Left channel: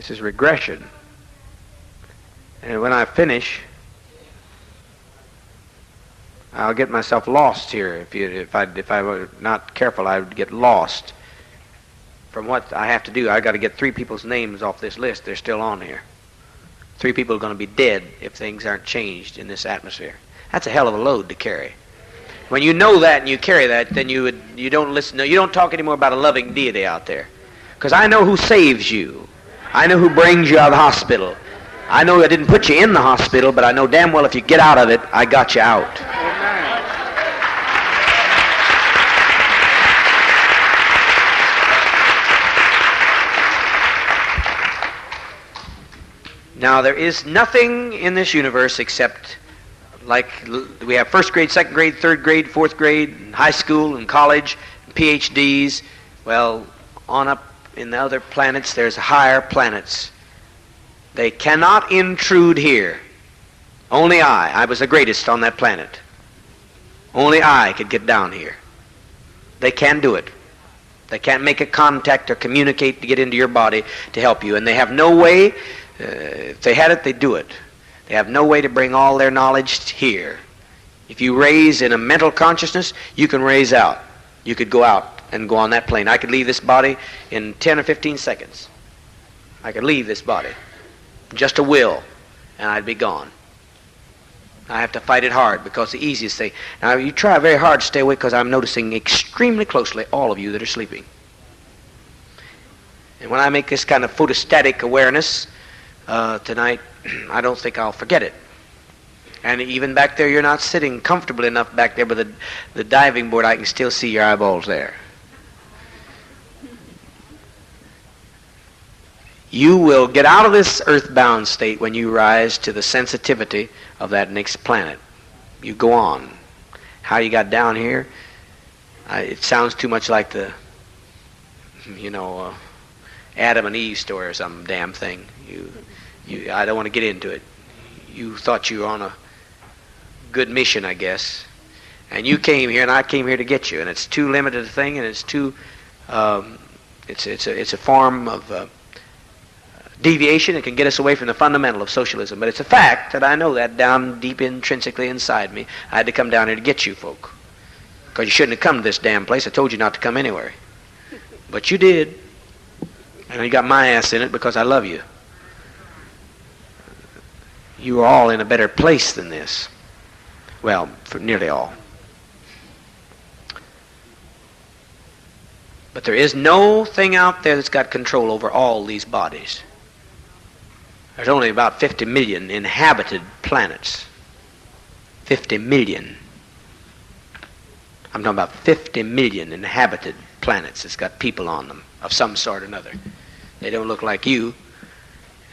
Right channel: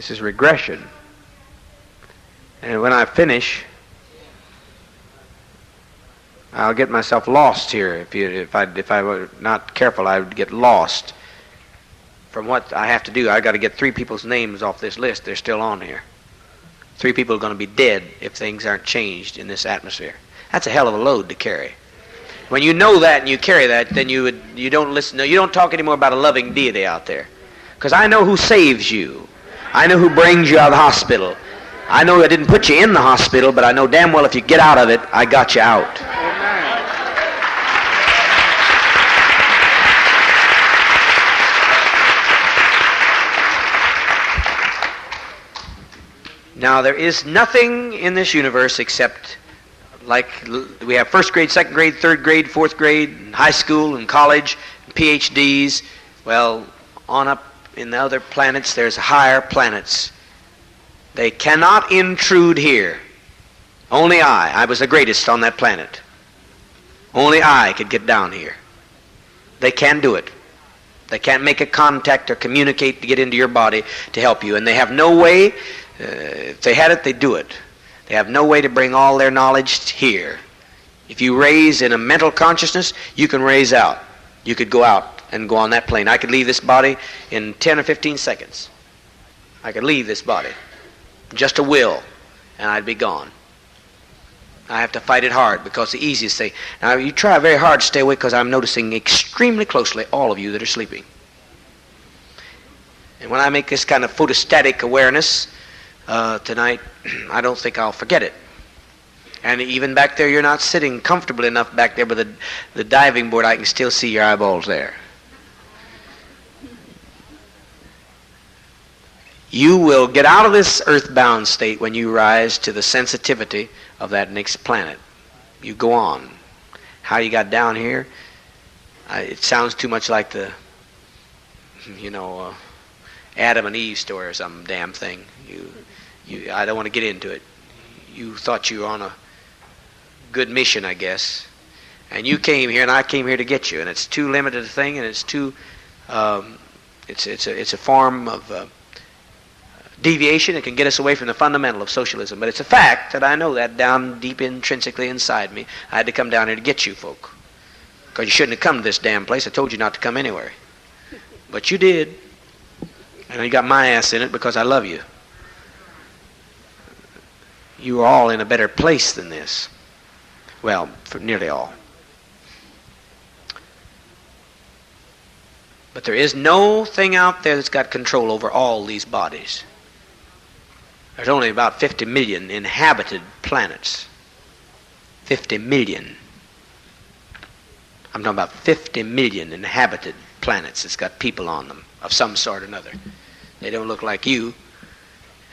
This is regression. And when I finish, I'll get myself lost here. If I were not careful, I would get lost. From what I have to do, I got to get 3 people's names off this list. They're still on here. 3 people are going to be dead if things aren't changed in this atmosphere. That's a hell of a load to carry. When you know that and you carry that, then you don't listen. No, you don't talk anymore about a loving deity out there, because I know who saves you. I know who brings you out of the hospital. I know I didn't put you in the hospital, but I know damn well if you get out of it, I got you out. Now, there is nothing in this universe except, like we have first grade, second grade, third grade, fourth grade, high school and college, PhDs. Well, on up in the other planets, there's higher planets. They cannot intrude here. Only I was the greatest on that planet. Only I could get down here. They can't do it. They can't make a contact or communicate to get into your body to help you. And they have no way, if they had it, they'd do it. They have no way to bring all their knowledge here. If you raise in a mental consciousness, you can raise out. You could go out and go on that plane. I could leave this body in 10 or 15 seconds. I could leave this body. Just a will, and I'd be gone. I have to fight it hard, because the easiest thing... Now, you try very hard to stay awake, because I'm noticing extremely closely all of you that are sleeping. And when I make this kind of photostatic awareness tonight, I don't think I'll forget it. And even back there, you're not sitting comfortably enough back there with the diving board. I can still see your eyeballs there. You will get out of this earthbound state when you rise to the sensitivity of that next planet. You go on. How you got down here, it sounds too much like the, Adam and Eve story or some damn thing. I don't want to get into it. You thought you were on a good mission, I guess. And you came here, and I came here to get you. And it's too limited a thing, and it's too, it's a form of deviation. It can get us away from the fundamental of socialism. But it's a fact that I know that down deep intrinsically inside me. I had to come down here to get you folk. Because you shouldn't have come to this damn place. I told you not to come anyway. But you did. And you got my ass in it because I love you. You are all in a better place than this. Well, for nearly all. But there is no thing out there that's got control over all these bodies. There's only about 50 million inhabited planets. 50 million. I'm talking about 50 million inhabited planets that's got people on them of some sort or another. They don't look like you.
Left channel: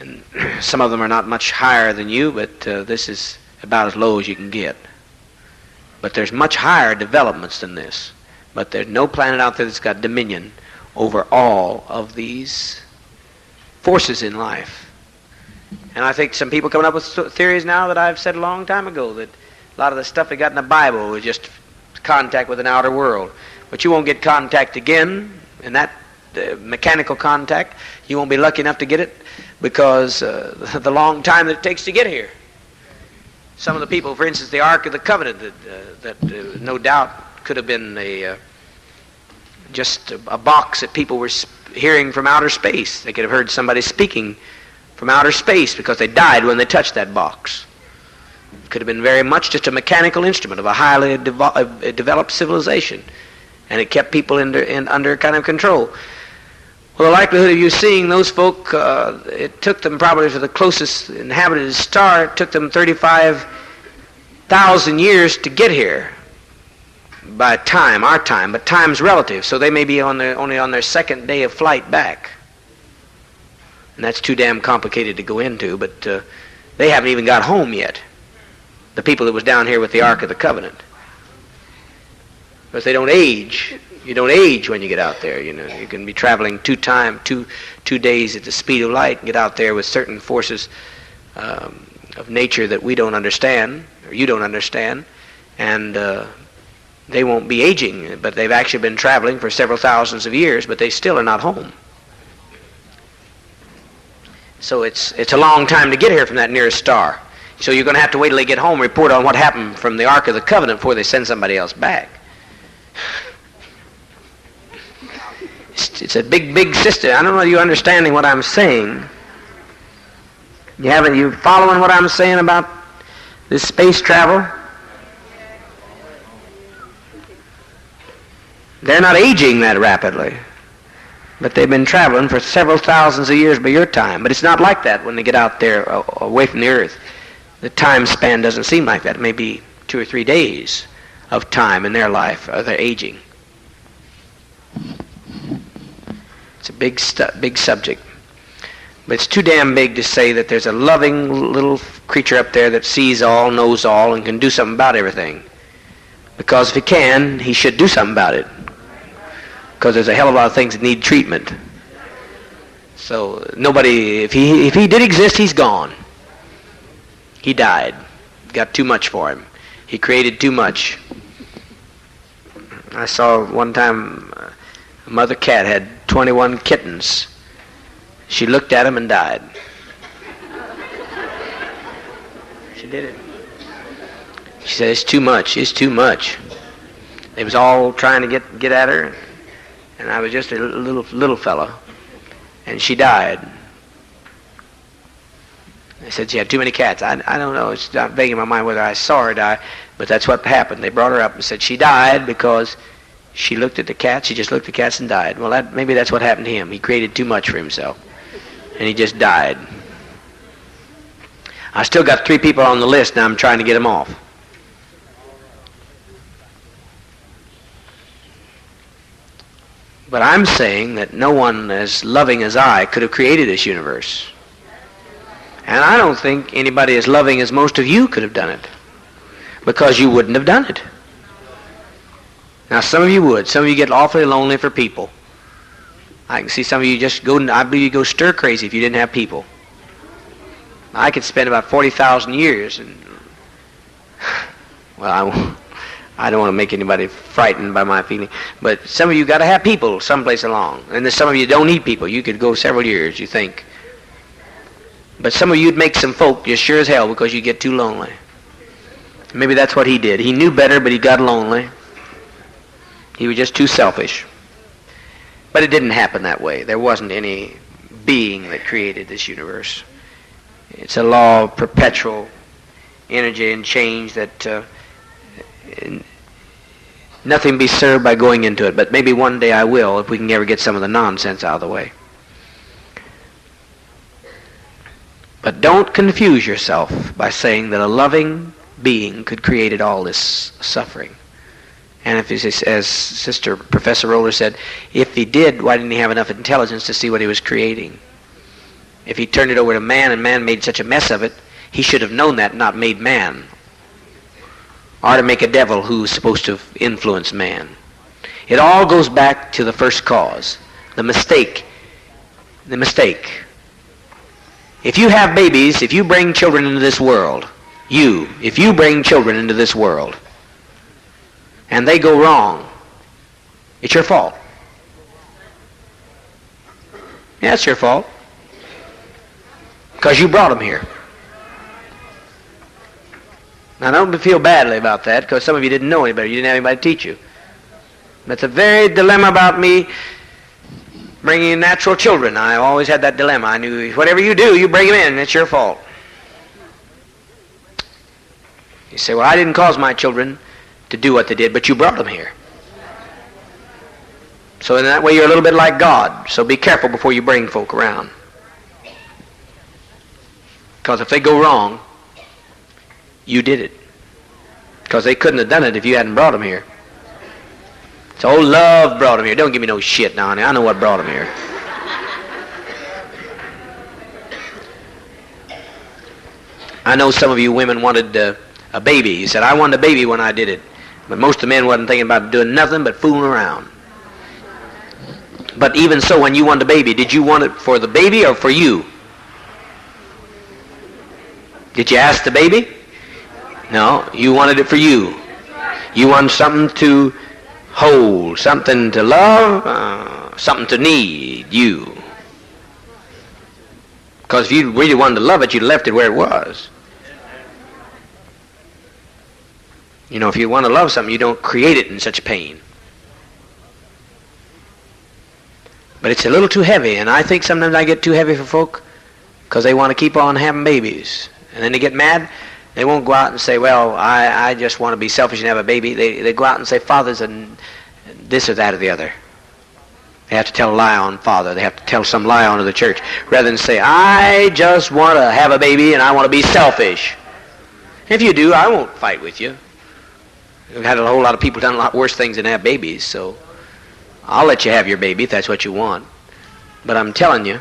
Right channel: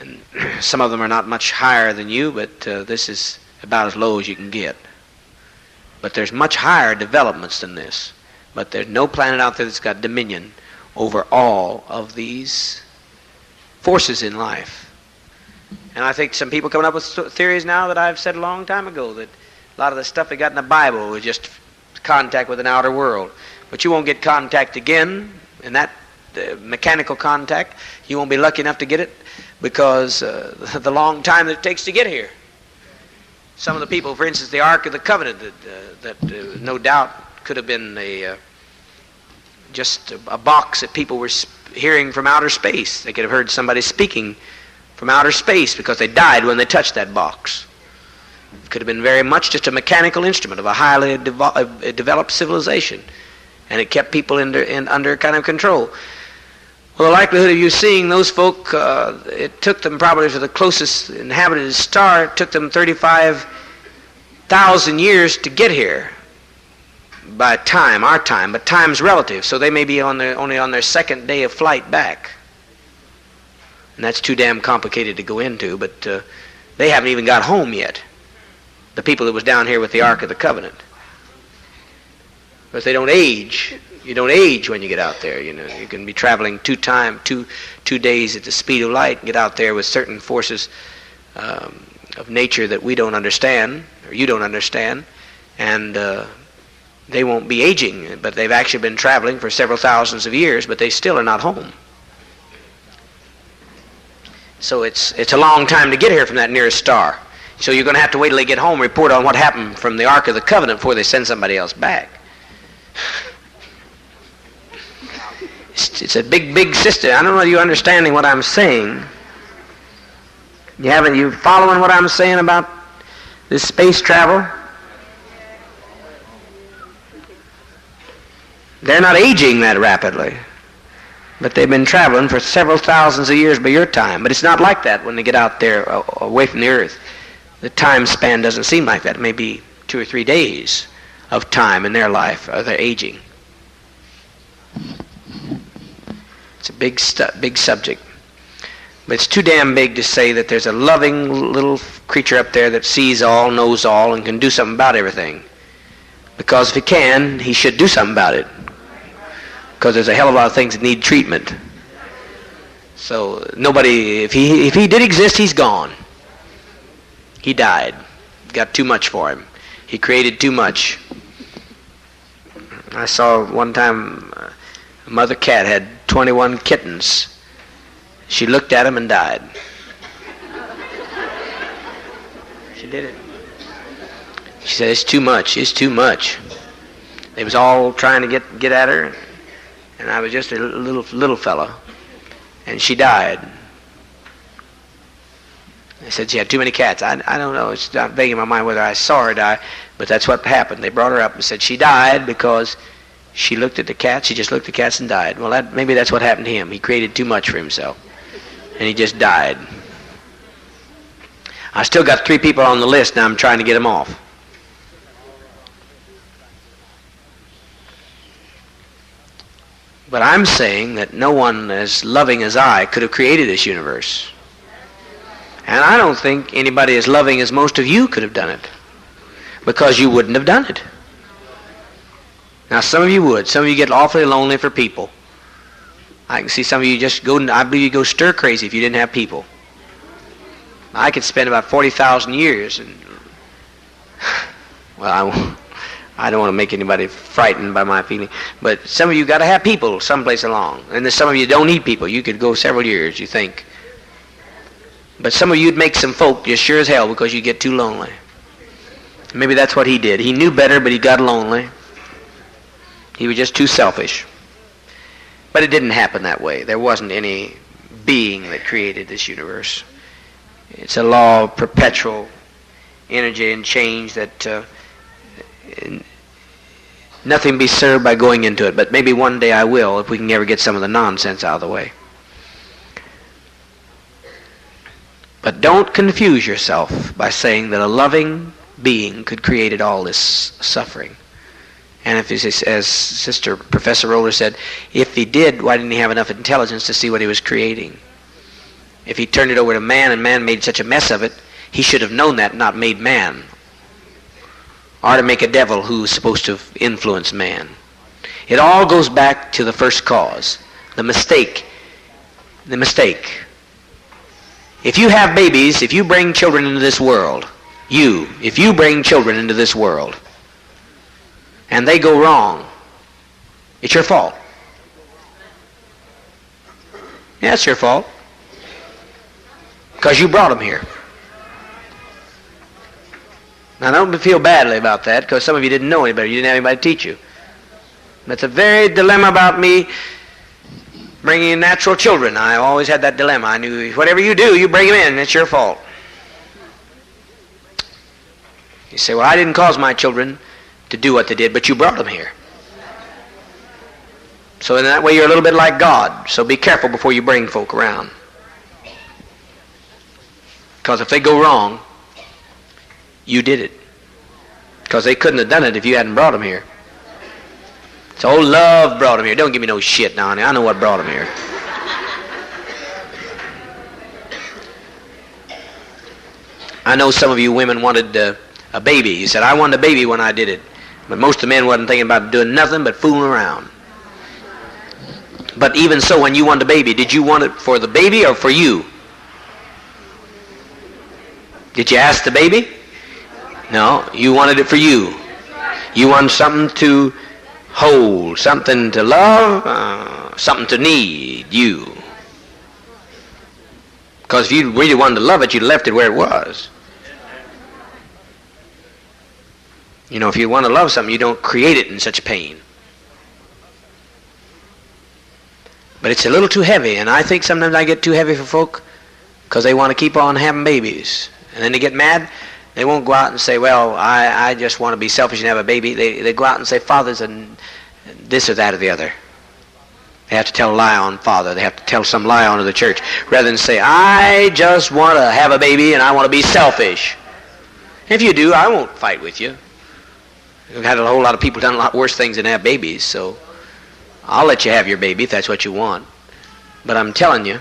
And some of them are not much higher than you, but this is about as low as you can get. But there's much higher developments than this. But there's no planet out there that's got dominion over all of these forces in life. And I think some people coming up with theories now that I've said a long time ago, that a lot of the stuff they got in the Bible was just contact with an outer world. But you won't get contact again, and that mechanical contact, you won't be lucky enough to get it because the long time that it takes to get here. Some of the people, for instance, the Ark of the Covenant, that no doubt could have been just a box that people were hearing from outer space. They could have heard somebody speaking from outer space because they died when they touched that box. It could have been very much just a mechanical instrument of a highly developed civilization, and it kept people under kind of control. Well, the likelihood of you seeing those folk, it took them probably to the closest inhabited star, it took them 35,000 years to get here by time, our time, but time's relative, so they may be only on their second day of flight back. And that's too damn complicated to go into, but they haven't even got home yet, the people that was down here with the Ark of the Covenant. Because they don't age. You don't age when you get out there. You can be traveling two days at the speed of light and get out there with certain forces of nature that we don't understand, or you don't understand, and they won't be aging, but they've actually been traveling for several thousands of years, but they still are not home. So it's a long time to get here from that nearest star. So you're going to have to wait till they get home and report on what happened from the Ark of the Covenant before they send somebody else back. It's a big, big system. I don't know if you're understanding what I'm saying. You following what I'm saying about this space travel? They're not aging that rapidly, but they've been traveling for several thousands of years by your time. But it's not like that when they get out there away from the Earth. The time span doesn't seem like that. It may be 2 or 3 days of time in their life, or they're aging. It's a big subject. But it's too damn big to say that there's a loving little creature up there that sees all, knows all, and can do something about everything. Because if he can, he should do something about it. Because there's a hell of a lot of things that need treatment. So nobody, if he did exist, he's gone. He died. Got too much for him. He created too much. I saw one time a mother cat had 21 kittens. She looked at them and died. She did it. She said, it's too much. It's too much. They was all trying to get at her, and I was just a little fellow, and she died. I said she had too many cats. I don't know. It's not vague in my mind whether I saw her die, but that's what happened. They brought her up and said she died because she looked at the cats. She just looked at the cats and died. Well, maybe that's what happened to him. He created too much for himself, and he just died. I still got 3 people on the list. Now I'm trying to get them off. But I'm saying that no one as loving as I could have created this universe. And I don't think anybody as loving as most of you could have done it, because you wouldn't have done it. Now some of you would. Some of you get awfully lonely for people. I can see some of you just go, I believe you go stir crazy if you didn't have people. I could spend about 40,000 years and, well, I don't want to make anybody frightened by my feeling, but some of you got to have people someplace along. And there's some of you don't need people. You could go several years, you think. But some of you'd make some folk just sure as hell because you get too lonely. Maybe that's what he did. He knew better, but he got lonely. He was just too selfish. But it didn't happen that way. There wasn't any being that created this universe. It's a law of perpetual energy and change that nothing be served by going into it. But maybe one day I will, if we can ever get some of the nonsense out of the way. But don't confuse yourself by saying that a loving being could create all this suffering. And if, as Sister Professor Roller said, if he did, why didn't he have enough intelligence to see what he was creating? If he turned it over to man and man made such a mess of it, he should have known that, not made man. Or to make a devil who's supposed to influence man. It all goes back to the first cause, the mistake. The mistake. If you have babies, if you bring children into this world, if you bring children into this world, and they go wrong, it's your fault. Yeah, it's your fault. Because you brought them here. Now, don't feel badly about that, because some of you didn't know any better. You didn't have anybody to teach you. That's a very dilemma about me bringing in natural children. I always had that dilemma. I knew whatever you do, you bring them in. It's your fault. You say, well, I didn't cause my children to do what they did, but you brought them here. So in that way, you're a little bit like God. So be careful before you bring folk around. Because if they go wrong, you did it. Because they couldn't have done it if you hadn't brought them here. So love brought them here. Don't give me no shit now. I know what brought them here. I know some of you women wanted a baby. You said, I wanted a baby when I did it. But most of the men wasn't thinking about doing nothing but fooling around. But even so, when you wanted a baby, did you want it for the baby or for you? Did you ask the baby? No, you wanted it for you. You wanted something to hold, something to love, something to need, you. Because if you really wanted to love it, you'd left it where it was. You know, if you want to love something, you don't create it in such pain. But it's a little too heavy, and I think sometimes I get too heavy for folk because they want to keep on having babies. And then they get mad. They won't go out and say, well, I just want to be selfish and have a baby. They go out and say, Father's and this or that or the other. They have to tell a lie on Father. They have to tell some lie onto the church. Rather than say, I just want to have a baby and I want to be selfish. If you do, I won't fight with you. We've had a whole lot of people done a lot worse things than have babies, so I'll let you have your baby if that's what you want. But I'm telling you,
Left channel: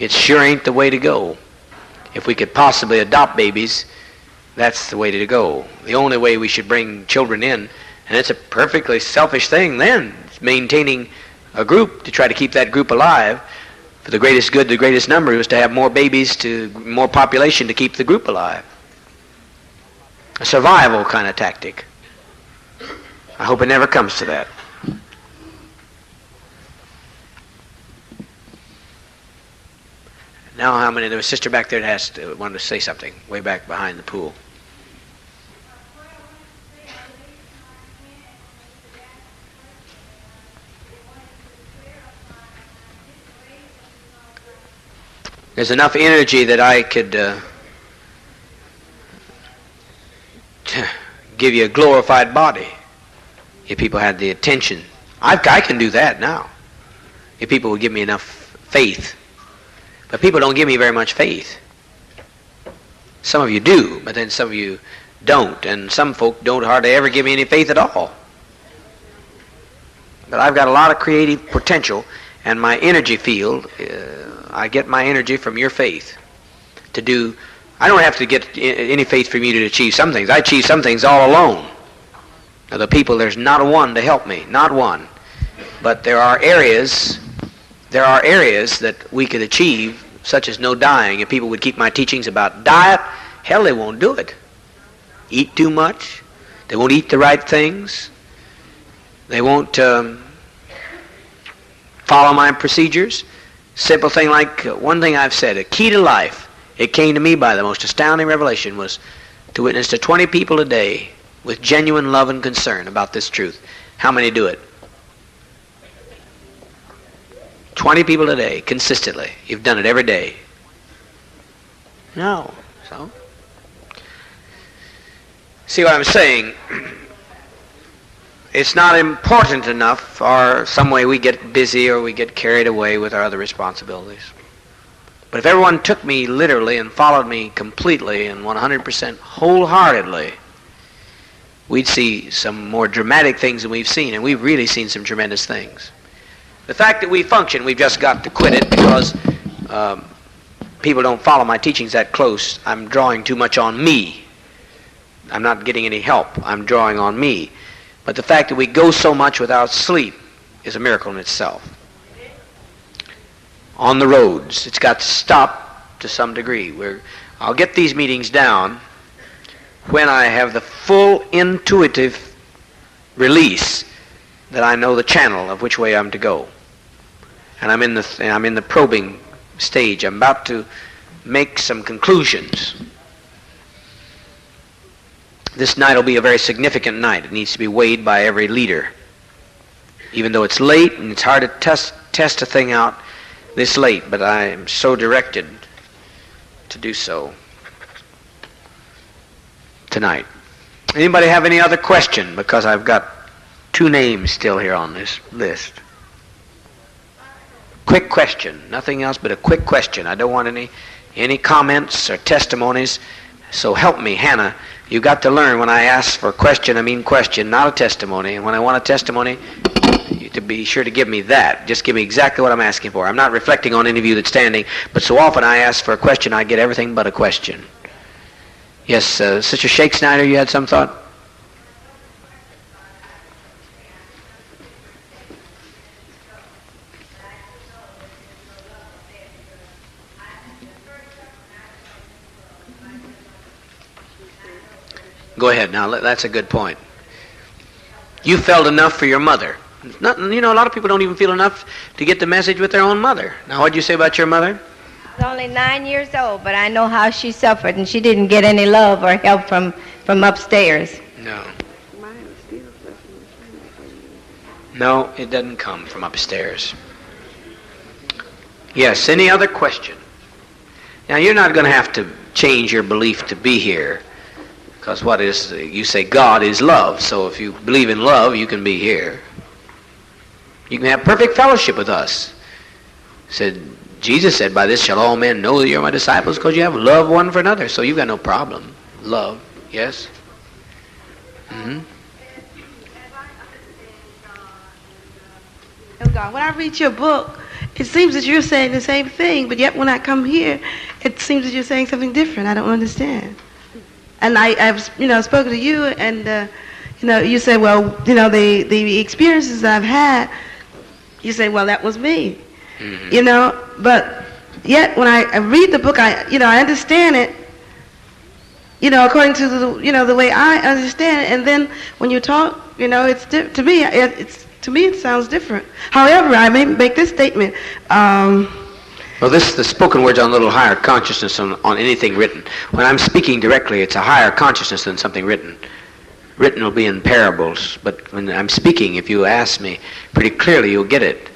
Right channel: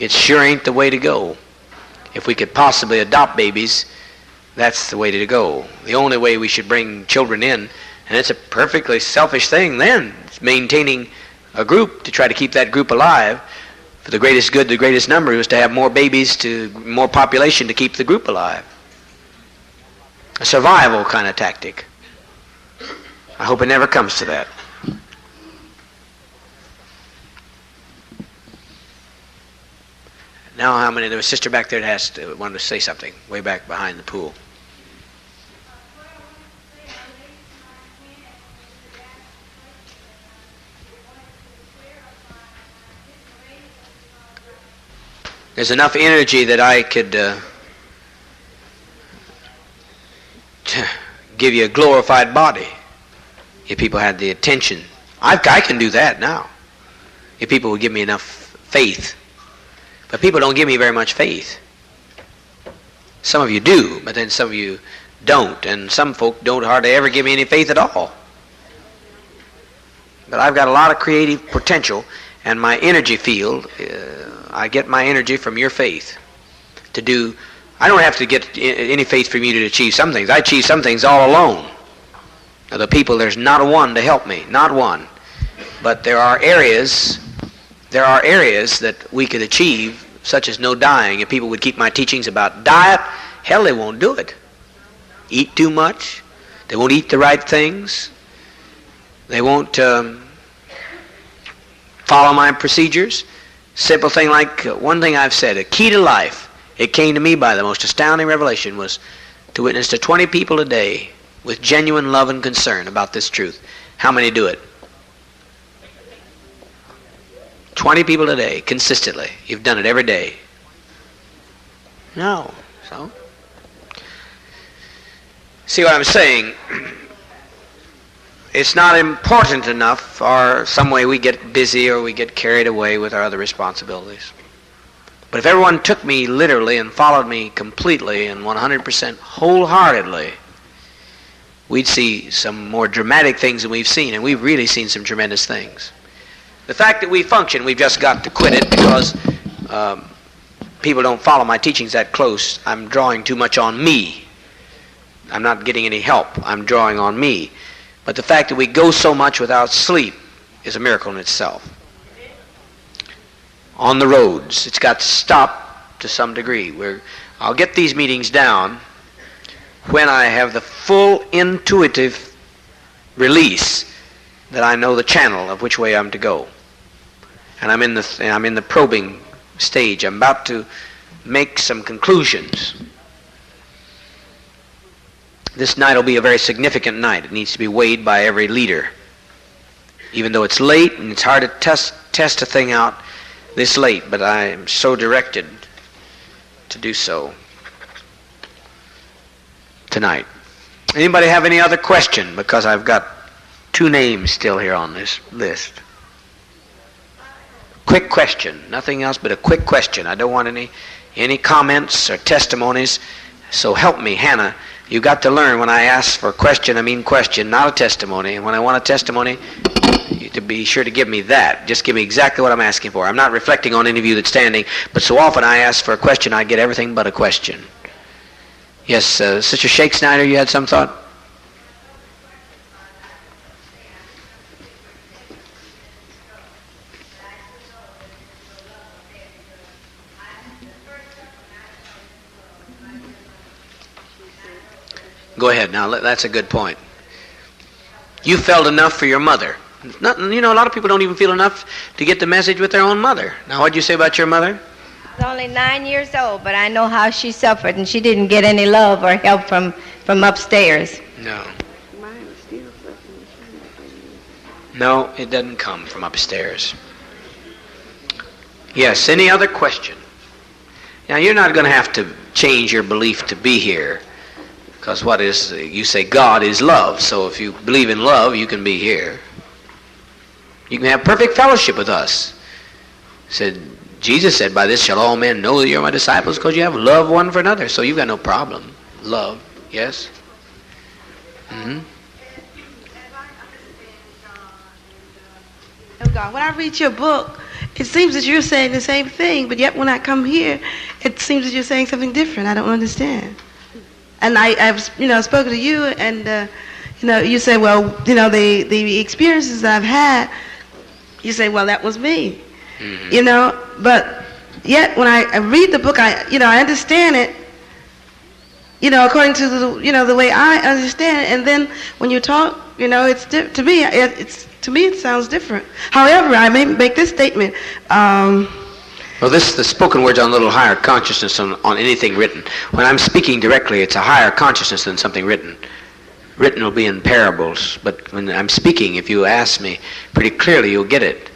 it sure ain't the way to go. If we could possibly adopt babies, that's the way to go. The only way we should bring children in, and it's a perfectly selfish thing then, it's maintaining a group to try to keep that group alive. For the greatest good, the greatest number is to have more babies, to more population to keep the group alive. A survival kind of tactic. I hope it never comes to that. Now, how many? There was a sister back there that wanted to say something, way back behind the pool. There's enough energy that I could give you a glorified body if people had the attention. I can do that now if people would give me enough faith. But people don't give me very much faith. Some of you do, but then some of you don't. And some folk don't hardly ever give me any faith at all. But I've got a lot of creative potential, and my energy field, I get my energy from your faith. I don't have to get any faith from you to achieve some things. I achieve some things all alone. Now the people, there's not a one to help me, not one. But there are areas that we could achieve, such as no dying. If people would keep my teachings about diet, hell, they won't do it. Eat too much. They won't eat the right things. They won't follow my procedures. Simple thing like one thing I've said, a key to life, it came to me by the most astounding revelation, was to witness to 20 people a day with genuine love and concern about this truth. How many do it? 20 people a day, consistently. You've done it every day. No. So? See what I'm saying? It's not important enough, or some way we get busy or we get carried away with our other responsibilities. But if everyone took me literally and followed me completely and 100% wholeheartedly, we'd see some more dramatic things than we've seen, and we've really seen some tremendous things. The fact that we function, we've just got to quit it because people don't follow my teachings that close. I'm drawing too much on me. I'm not getting any help. I'm drawing on me. But the fact that we go so much without sleep is a miracle in itself. On the roads, it's got to stop to some degree. I'll get these meetings down when I have the full intuitive release that I know the channel of which way I'm to go. And I'm in the probing stage. I'm about to make some conclusions. This night will be a very significant night. It needs to be weighed by every leader. Even though it's late and it's hard to test a thing out this late, but I am so directed to do so tonight. Anybody have any other question? Because I've got 2 names still here on this list. Quick question. Nothing else but a quick question. I don't want any comments or testimonies. So help me, Hannah. You've got to learn when I ask for a question, I mean question, not a testimony. And when I want a testimony, to be sure to give me that. Just give me exactly what I'm asking for. I'm not reflecting on any of you that's standing, but so often I ask for a question, I get everything but a question. Yes, Sister Shake Snyder, you had some thought? Go ahead. Now, that's a good point. You felt enough for your mother. A lot of people don't even feel enough to get the message with their own mother. Now, what did you say about your mother? was only 9 years old, but I know how she suffered, and she didn't get any love or help from upstairs. No. No, it doesn't come from upstairs. Yes, any other question? Now, you're not going to have to change your belief to be here, because you say God is love, so if you believe in love, you can be here. You can have perfect fellowship with us. Jesus said, by this shall all men know that you're my disciples, because you have love one for another, so you've got no problem. Love, yes? Mm-hmm. God, when I read your book, it seems that you're saying the same thing, but yet when I come here, it seems that you're saying something different. I don't understand. And I've spoken to you, and you say, well, the experiences that I've had, you say, well, that was me, mm-hmm. But yet when I read the book, I understand it, according to the way I understand it, and then when you talk, it's to me, it sounds different. However, I may make this statement. Well, the spoken word's on a little higher consciousness on anything written. When I'm speaking directly, it's a higher consciousness than something written. Written will be in parables, but when I'm speaking, if you ask me pretty clearly, you'll get it.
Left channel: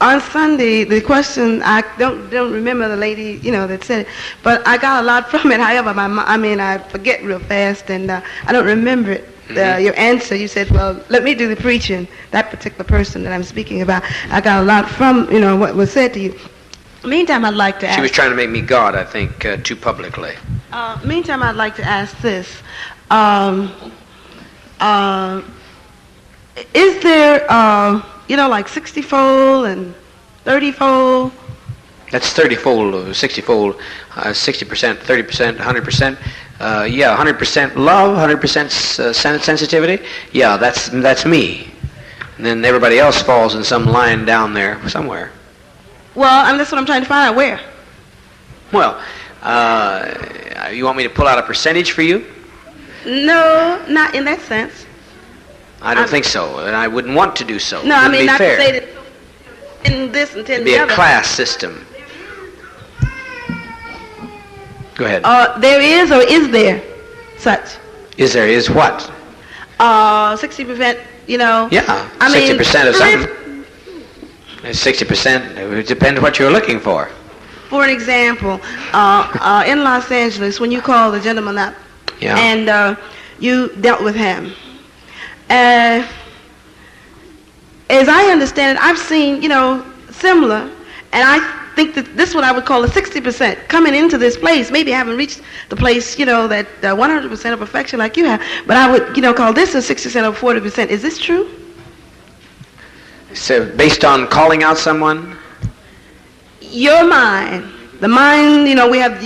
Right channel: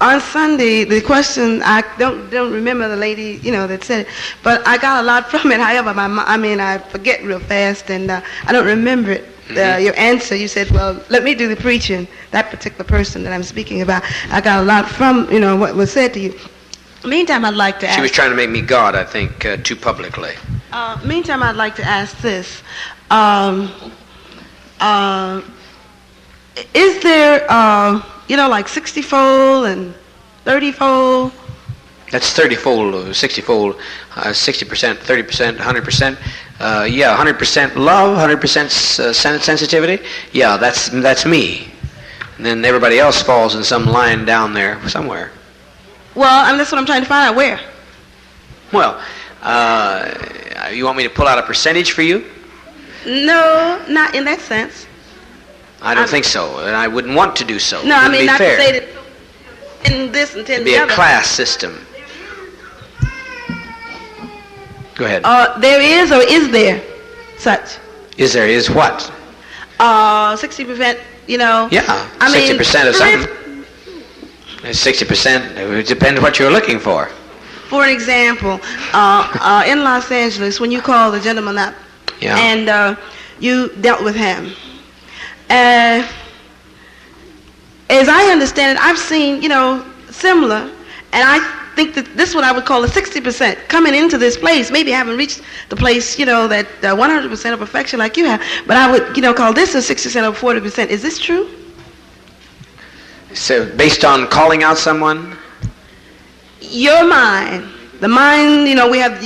On Sunday, the question, I don't remember the lady, that said it, but I got a lot from it. However, I forget real fast, and I don't remember it. Your answer, you said, well, let me do the preaching. That particular person that I'm speaking about, I got a lot from, what was said to you. Meantime, I'd like to ask... She was trying to make me God, I think, too publicly. Meantime, I'd like to ask this. Is there, like 60-fold and 30-fold? That's 30-fold, 60-fold, 60%, 30%, 100%. 100% love, 100% sensitivity. Yeah, that's me. And then everybody else falls in some line down there somewhere. Well, and that's what I'm trying to find out. Where? Well, you want me to pull out a percentage for you? No, not in that sense. I don't think so, and I wouldn't want to do so. No, I mean, not fair. to say that in this and 10 It'd the be other. a class system. Go ahead. There is, or is there such? Is what? 60%, Yeah, 60% of something. 60%, it depends what you're looking for. For an example, in Los Angeles, when you called the gentleman up, yeah. And you dealt with him, as I understand it, I've seen, similar, and I think that this is what I would call a 60% coming into this place. Maybe I haven't reached the place, that 100% of perfection like you have, but I would, call this a 60% or 40%. Is this true? So based on calling out someone? Your mind. The mind, we have,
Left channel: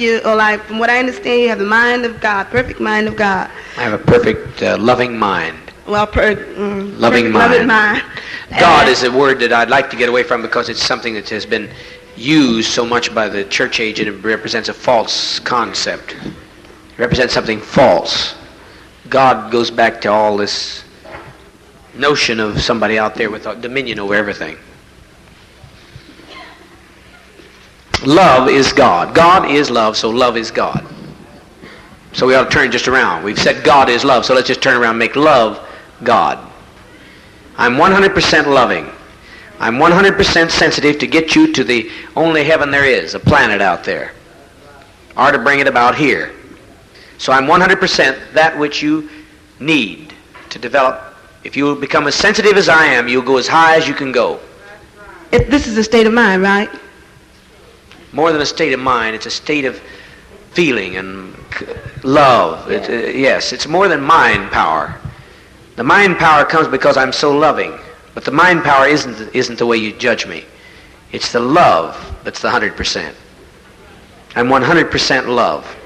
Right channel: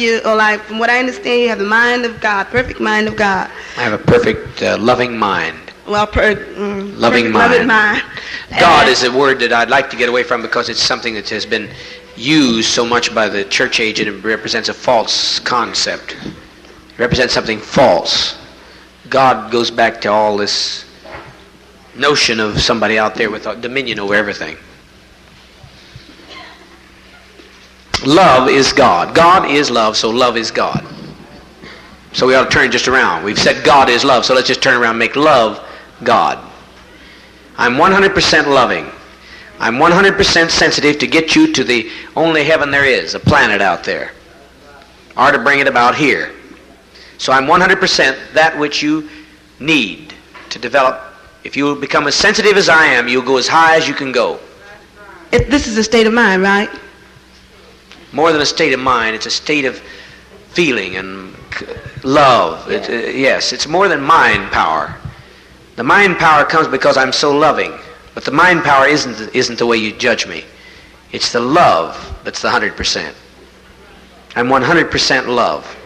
from what I understand, you have the mind of God, perfect mind of God. I have a perfect, loving mind. Well, loving mind. Loving mind. God is a word that I'd like to get away from because it's something that has been used so much by the church age, and it represents a false concept. It represents something false. God goes back to all this notion of somebody out there with dominion over everything. Love is God. God is love, so love is God. So we ought to turn just around. We've said God is love, so let's just turn around and make love God. I'm 100% loving. I'm 100% sensitive to get you to the only heaven there is, a planet out there, or to bring it about here. So I'm 100% that which you need to develop. If you become as sensitive as I am, you'll go as high as you can go. This is a state of mind, right? More than a state of mind, it's a state of feeling and love. Yes, it's more than mind power. The mind power comes because I'm so loving. But the mind power isn't the way you judge me. It's the love that's the 100%. I'm 100% love.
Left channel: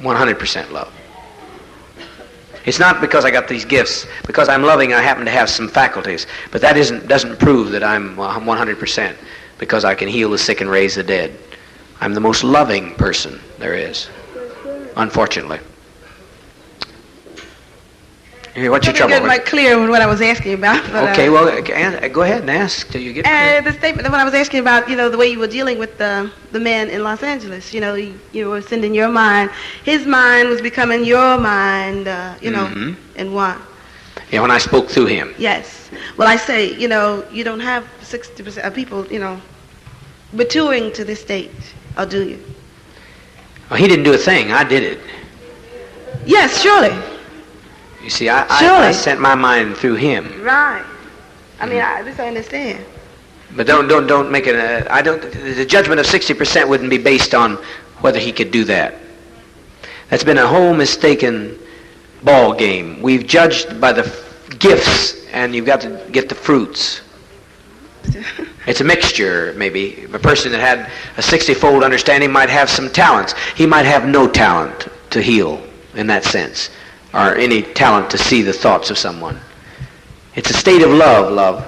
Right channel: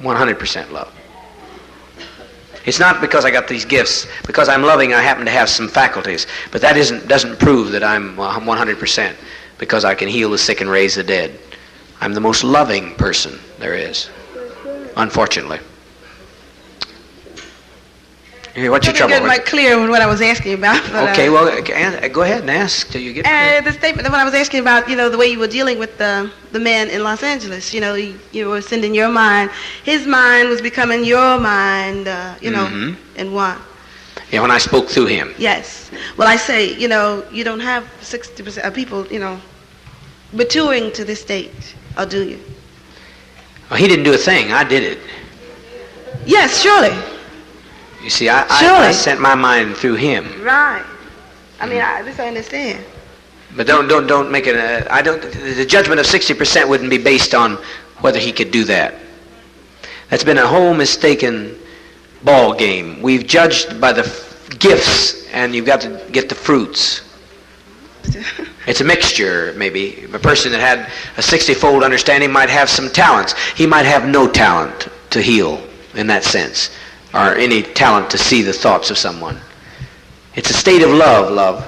100% love. It's not because I got these gifts. Because I'm loving, I happen to have some faculties. But that doesn't prove that I'm 100%. Because I can heal the sick and raise the dead. I'm the most loving person there is. Unfortunately. What's your trouble? I didn't get clear with what I was asking about. Okay, well, go ahead and ask till you get clear. The statement that when I was asking about, the way you were dealing with the man in Los Angeles, you were sending your mind. His mind was becoming your mind, in one. Yeah, when I spoke through him. Yes. Well, I say, you don't have 60% of people, maturing to this stage, or do you? Well, he didn't do a thing. I did it. Yes, surely. You see, I sent my mind through him. Right. I mean, I just understand. But don't make it. The judgment of 60% wouldn't be based on whether he could do that. That's been a whole mistaken ball game. We've judged by the gifts, and you've got to get the fruits. It's a mixture, maybe. A person that had a 60-fold understanding might have some talents. He might have no talent to heal in that sense, or any talent to see the thoughts of someone. It's a state of love.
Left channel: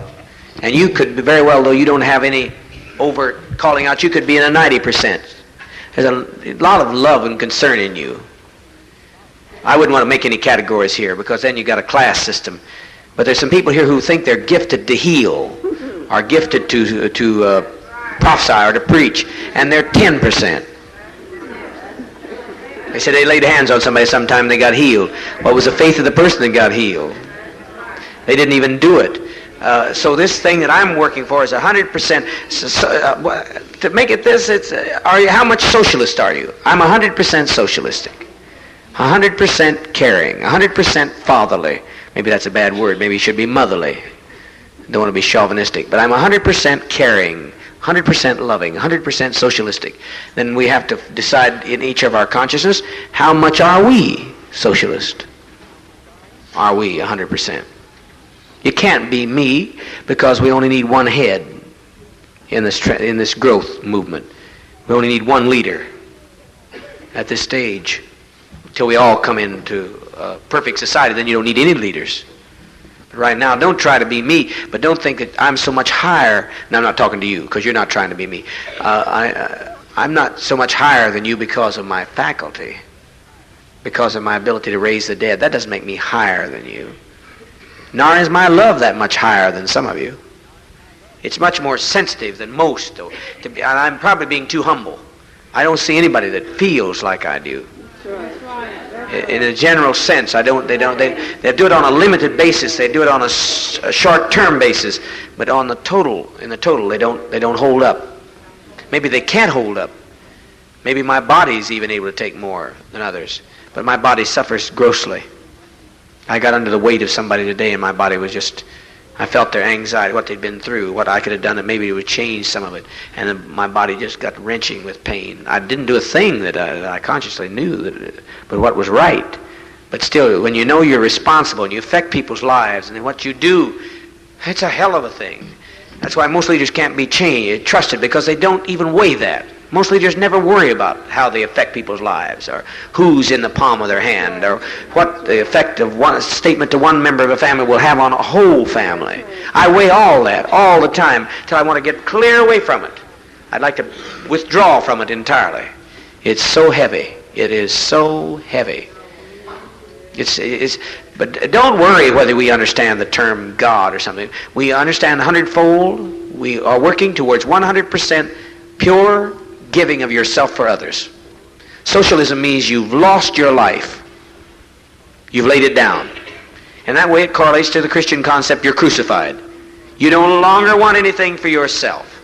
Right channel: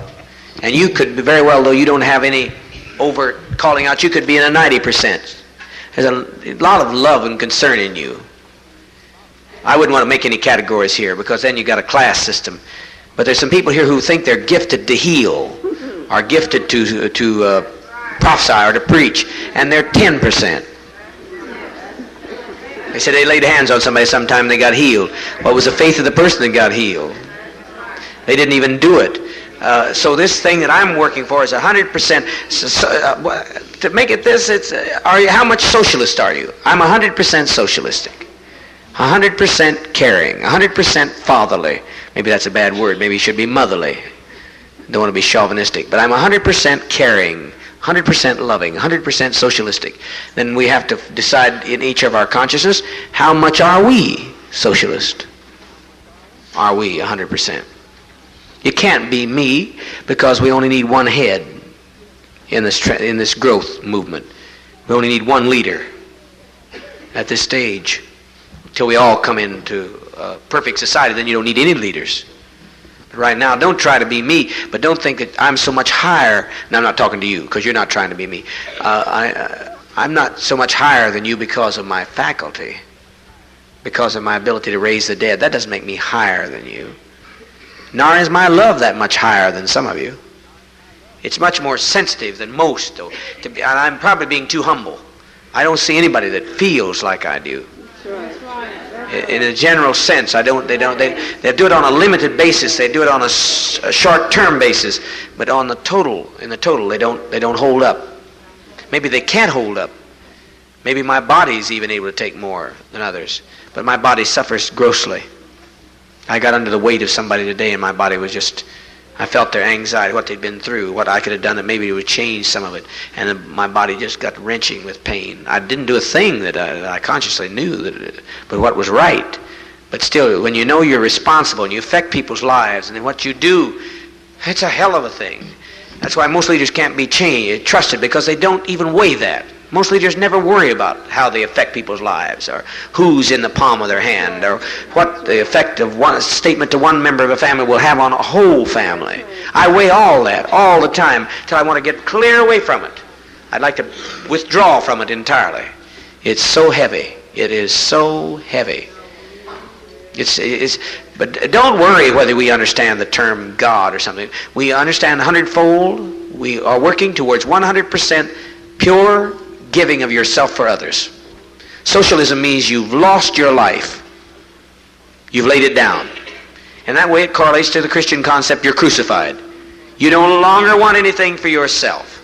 And you could be very well, though you don't have any overt calling out, you could be in a 90%. There's a lot of love and concern in you. I wouldn't want to make any categories here, because then you got a class system. But there's some people here who think they're gifted to heal, are gifted to prophesy or to preach, and they're 10%. They said they laid hands on somebody sometime, they got healed. Well, it was the faith of the person that got healed. They didn't even do it. So this thing that I'm working for is 100%. To make it this, how much socialist are you? I'm 100% socialistic. 100% caring, 100% fatherly. Maybe that's a bad word. Maybe it should be motherly. Don't want to be chauvinistic. But I'm 100% caring, 100% loving, 100% socialistic. Then we have to decide in each of our consciousness, how much are we socialist? Are we 100%? You can't be me, because we only need one head in this growth movement. We only need one leader at this stage. Until we all come into perfect society, then you don't need any leaders. But right now, don't try to be me, but don't think that I'm so much higher. Now, I'm not talking to you, because you're not trying to be me. I'm not so much higher than you because of my faculty, because of my ability to raise the dead. That doesn't make me higher than you. Nor is my love that much higher than some of you. It's much more sensitive than most, though. And I'm probably being too humble. I don't see anybody that feels like I do. In a general sense, they do it on a limited basis. They do it on a short-term basis, but in the total, they don't hold up. Maybe they can't hold up. Maybe my body's even able to take more than others, but my body suffers grossly. I got under the weight of somebody today, and my body was just, I felt their anxiety, what they'd been through, what I could have done, and maybe it would change some of it. And my body just got wrenching with pain. I didn't do a thing that I consciously knew, but what was right. But still, when you know you're responsible and you affect people's lives, and then what you do, it's a hell of a thing. That's why most leaders can't be trusted, because they don't even weigh that. Most leaders never worry about how they affect people's lives, or who's in the palm of their hand, or what the effect of one statement to one member of a family will have on a whole family. I weigh all that all the time till I want to get clear away from it. I'd like to withdraw from it entirely. It's so heavy. It is so heavy. But don't worry whether we understand the term God or something. We understand 100-fold. We are working towards 100% pure giving of yourself for others. Socialism means you've lost your life. You've laid it down. And that way it correlates to the Christian concept, you're crucified. You no longer want anything for yourself.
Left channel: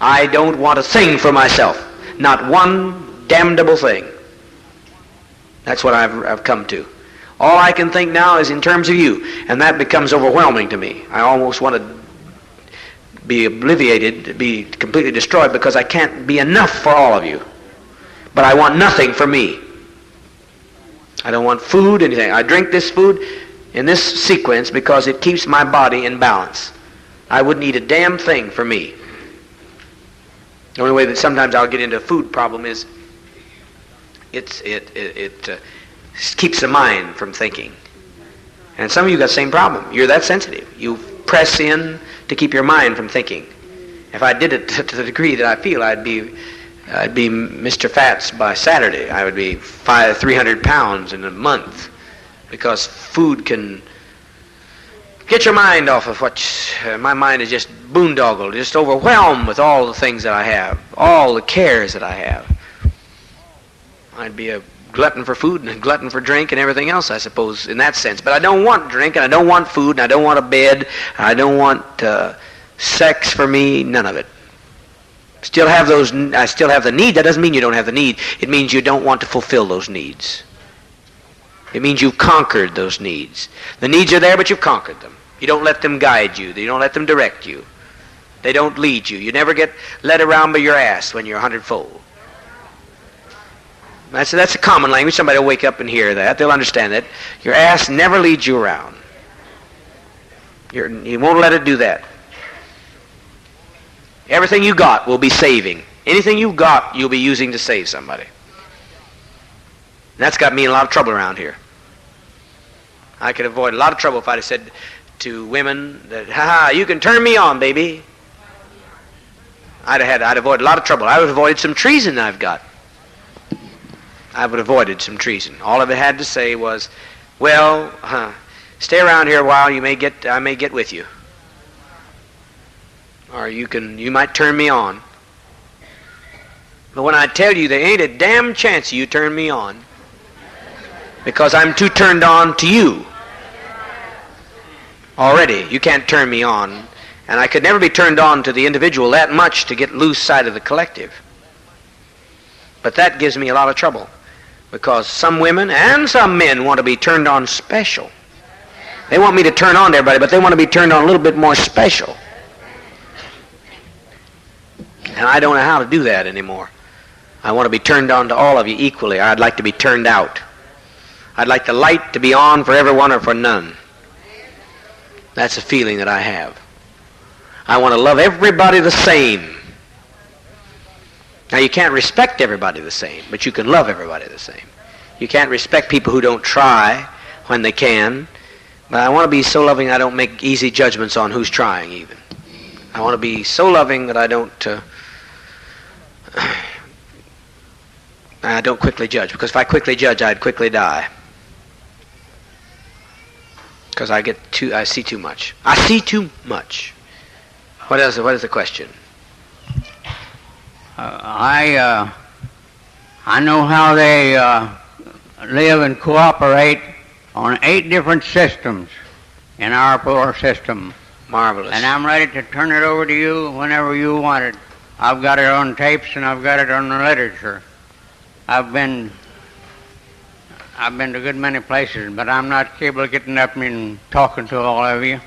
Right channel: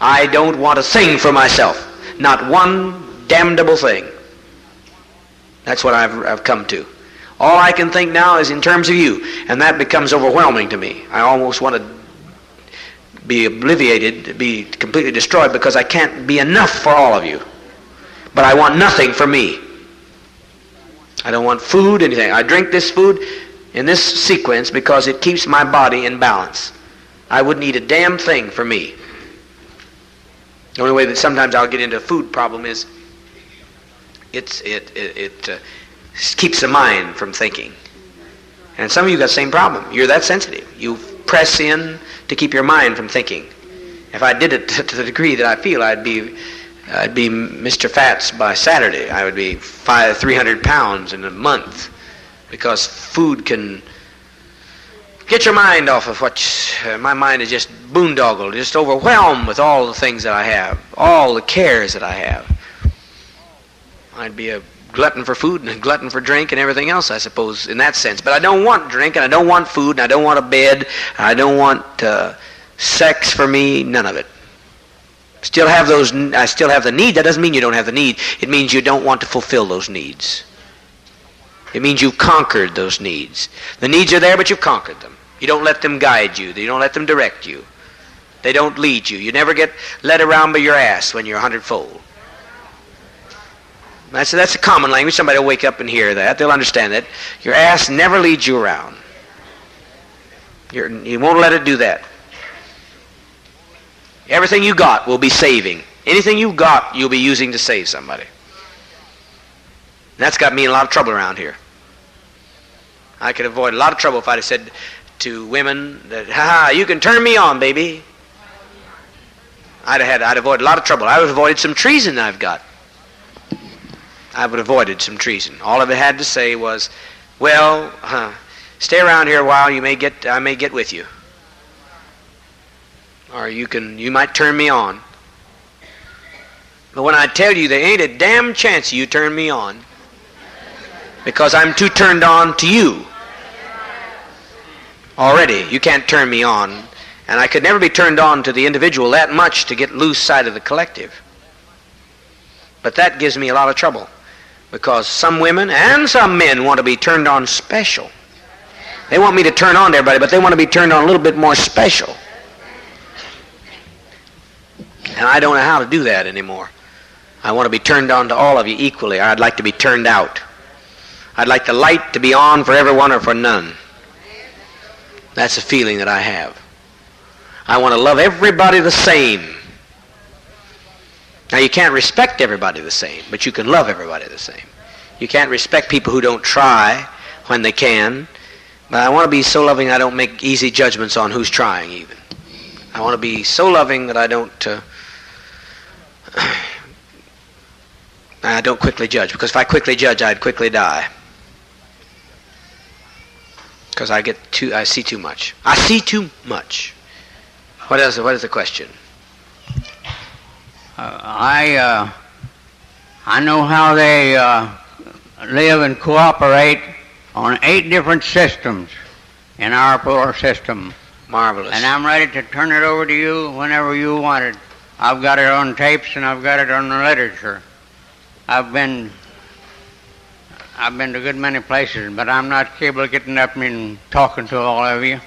I don't want a thing for myself. Not one damnable thing. That's what I've come to. All I can think now is in terms of you, and that becomes overwhelming to me. I almost want to be obliviated, be completely destroyed, because I can't be enough for all of you. But I want nothing for me. I don't want food, anything. I drink this food in this sequence because it keeps my body in balance. I wouldn't eat a damn thing for me. The only way that sometimes I'll get into a food problem is it keeps the mind from thinking. And some of you got the same problem. You're that sensitive. You press in to keep your mind from thinking. If I did it to the degree that I feel, I'd be Mr. Fats by Saturday. I would be 300 pounds in a month, because food can Get your mind off of what my mind is just boondoggled, just overwhelmed with all the things that I have, all the cares that I have. I'd be a glutton for food and a glutton for drink and everything else, I suppose, in that sense. But I don't want drink, and I don't want food, and I don't want a bed, and I don't want sex for me, none of it. I still have the need. That doesn't mean you don't have the need. It means you don't want to fulfill those needs. It means you've conquered those needs. The needs are there, but you've conquered them. You don't let them guide you. You don't let them direct you. They don't lead you. You never get led around by your ass when you're 100-fold. That's a common language. Somebody will wake up and hear that. They'll understand that. Your ass never leads you around. You won't let it do that. Everything you got will be saving. Anything you've got, you'll be using to save somebody. That's got me in a lot of trouble around here. I could avoid a lot of trouble if I'd have said to women that, ha, you can turn me on, baby. I'd avoided a lot of trouble. I would have avoided some treason I've got. I would have avoided some treason. All of it had to say was, well, stay around here a while. I may get with you, or you might turn me on. But when I tell you, there ain't a damn chance you turn me on, because I'm too turned on to you already. You can't turn me on, and I could never be turned on to the individual that much to get loose sight of the collective. But that gives me a lot of trouble, because some women and some men want to be turned on special. They want me to turn on to everybody, but they want to be turned on a little bit more special. And I don't know how to do that anymore. I want to be turned on to all of you equally. I'd like to be turned out. I'd like the light to be on for everyone or for none. That's a feeling that I have. I want to love everybody the same. Now, you can't respect everybody the same, but you can love everybody the same. You can't respect people who don't try when they can, but I want to be so loving I don't make easy judgments on who's trying even. I want to be so loving that I don't quickly judge, because if I quickly judge, I'd quickly die. Because I see too much. I see too much. What is the question? I know how they live and cooperate on 8 different systems in our poor system. Marvelous. And I'm ready to turn it over to you whenever you want it. I've got it on tapes and I've got it on the literature. I've been to a good many places, but I'm not capable of getting up and talking to all of you.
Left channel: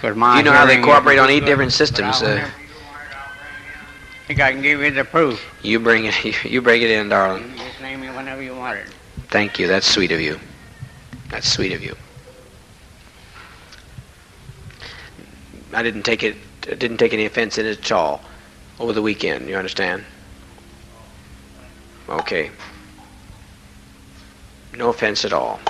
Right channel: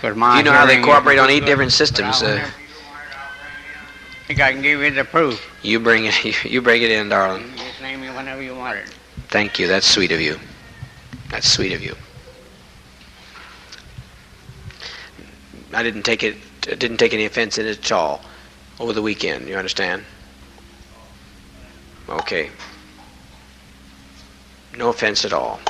Do you know how they cooperate on 8 different systems? I think I can give you the proof. You bring it in, darling. You just name me whenever you want it. Thank you. That's sweet of you. That's sweet of you. I didn't take any offense in it at all over the weekend. You understand? Okay. No offense at all.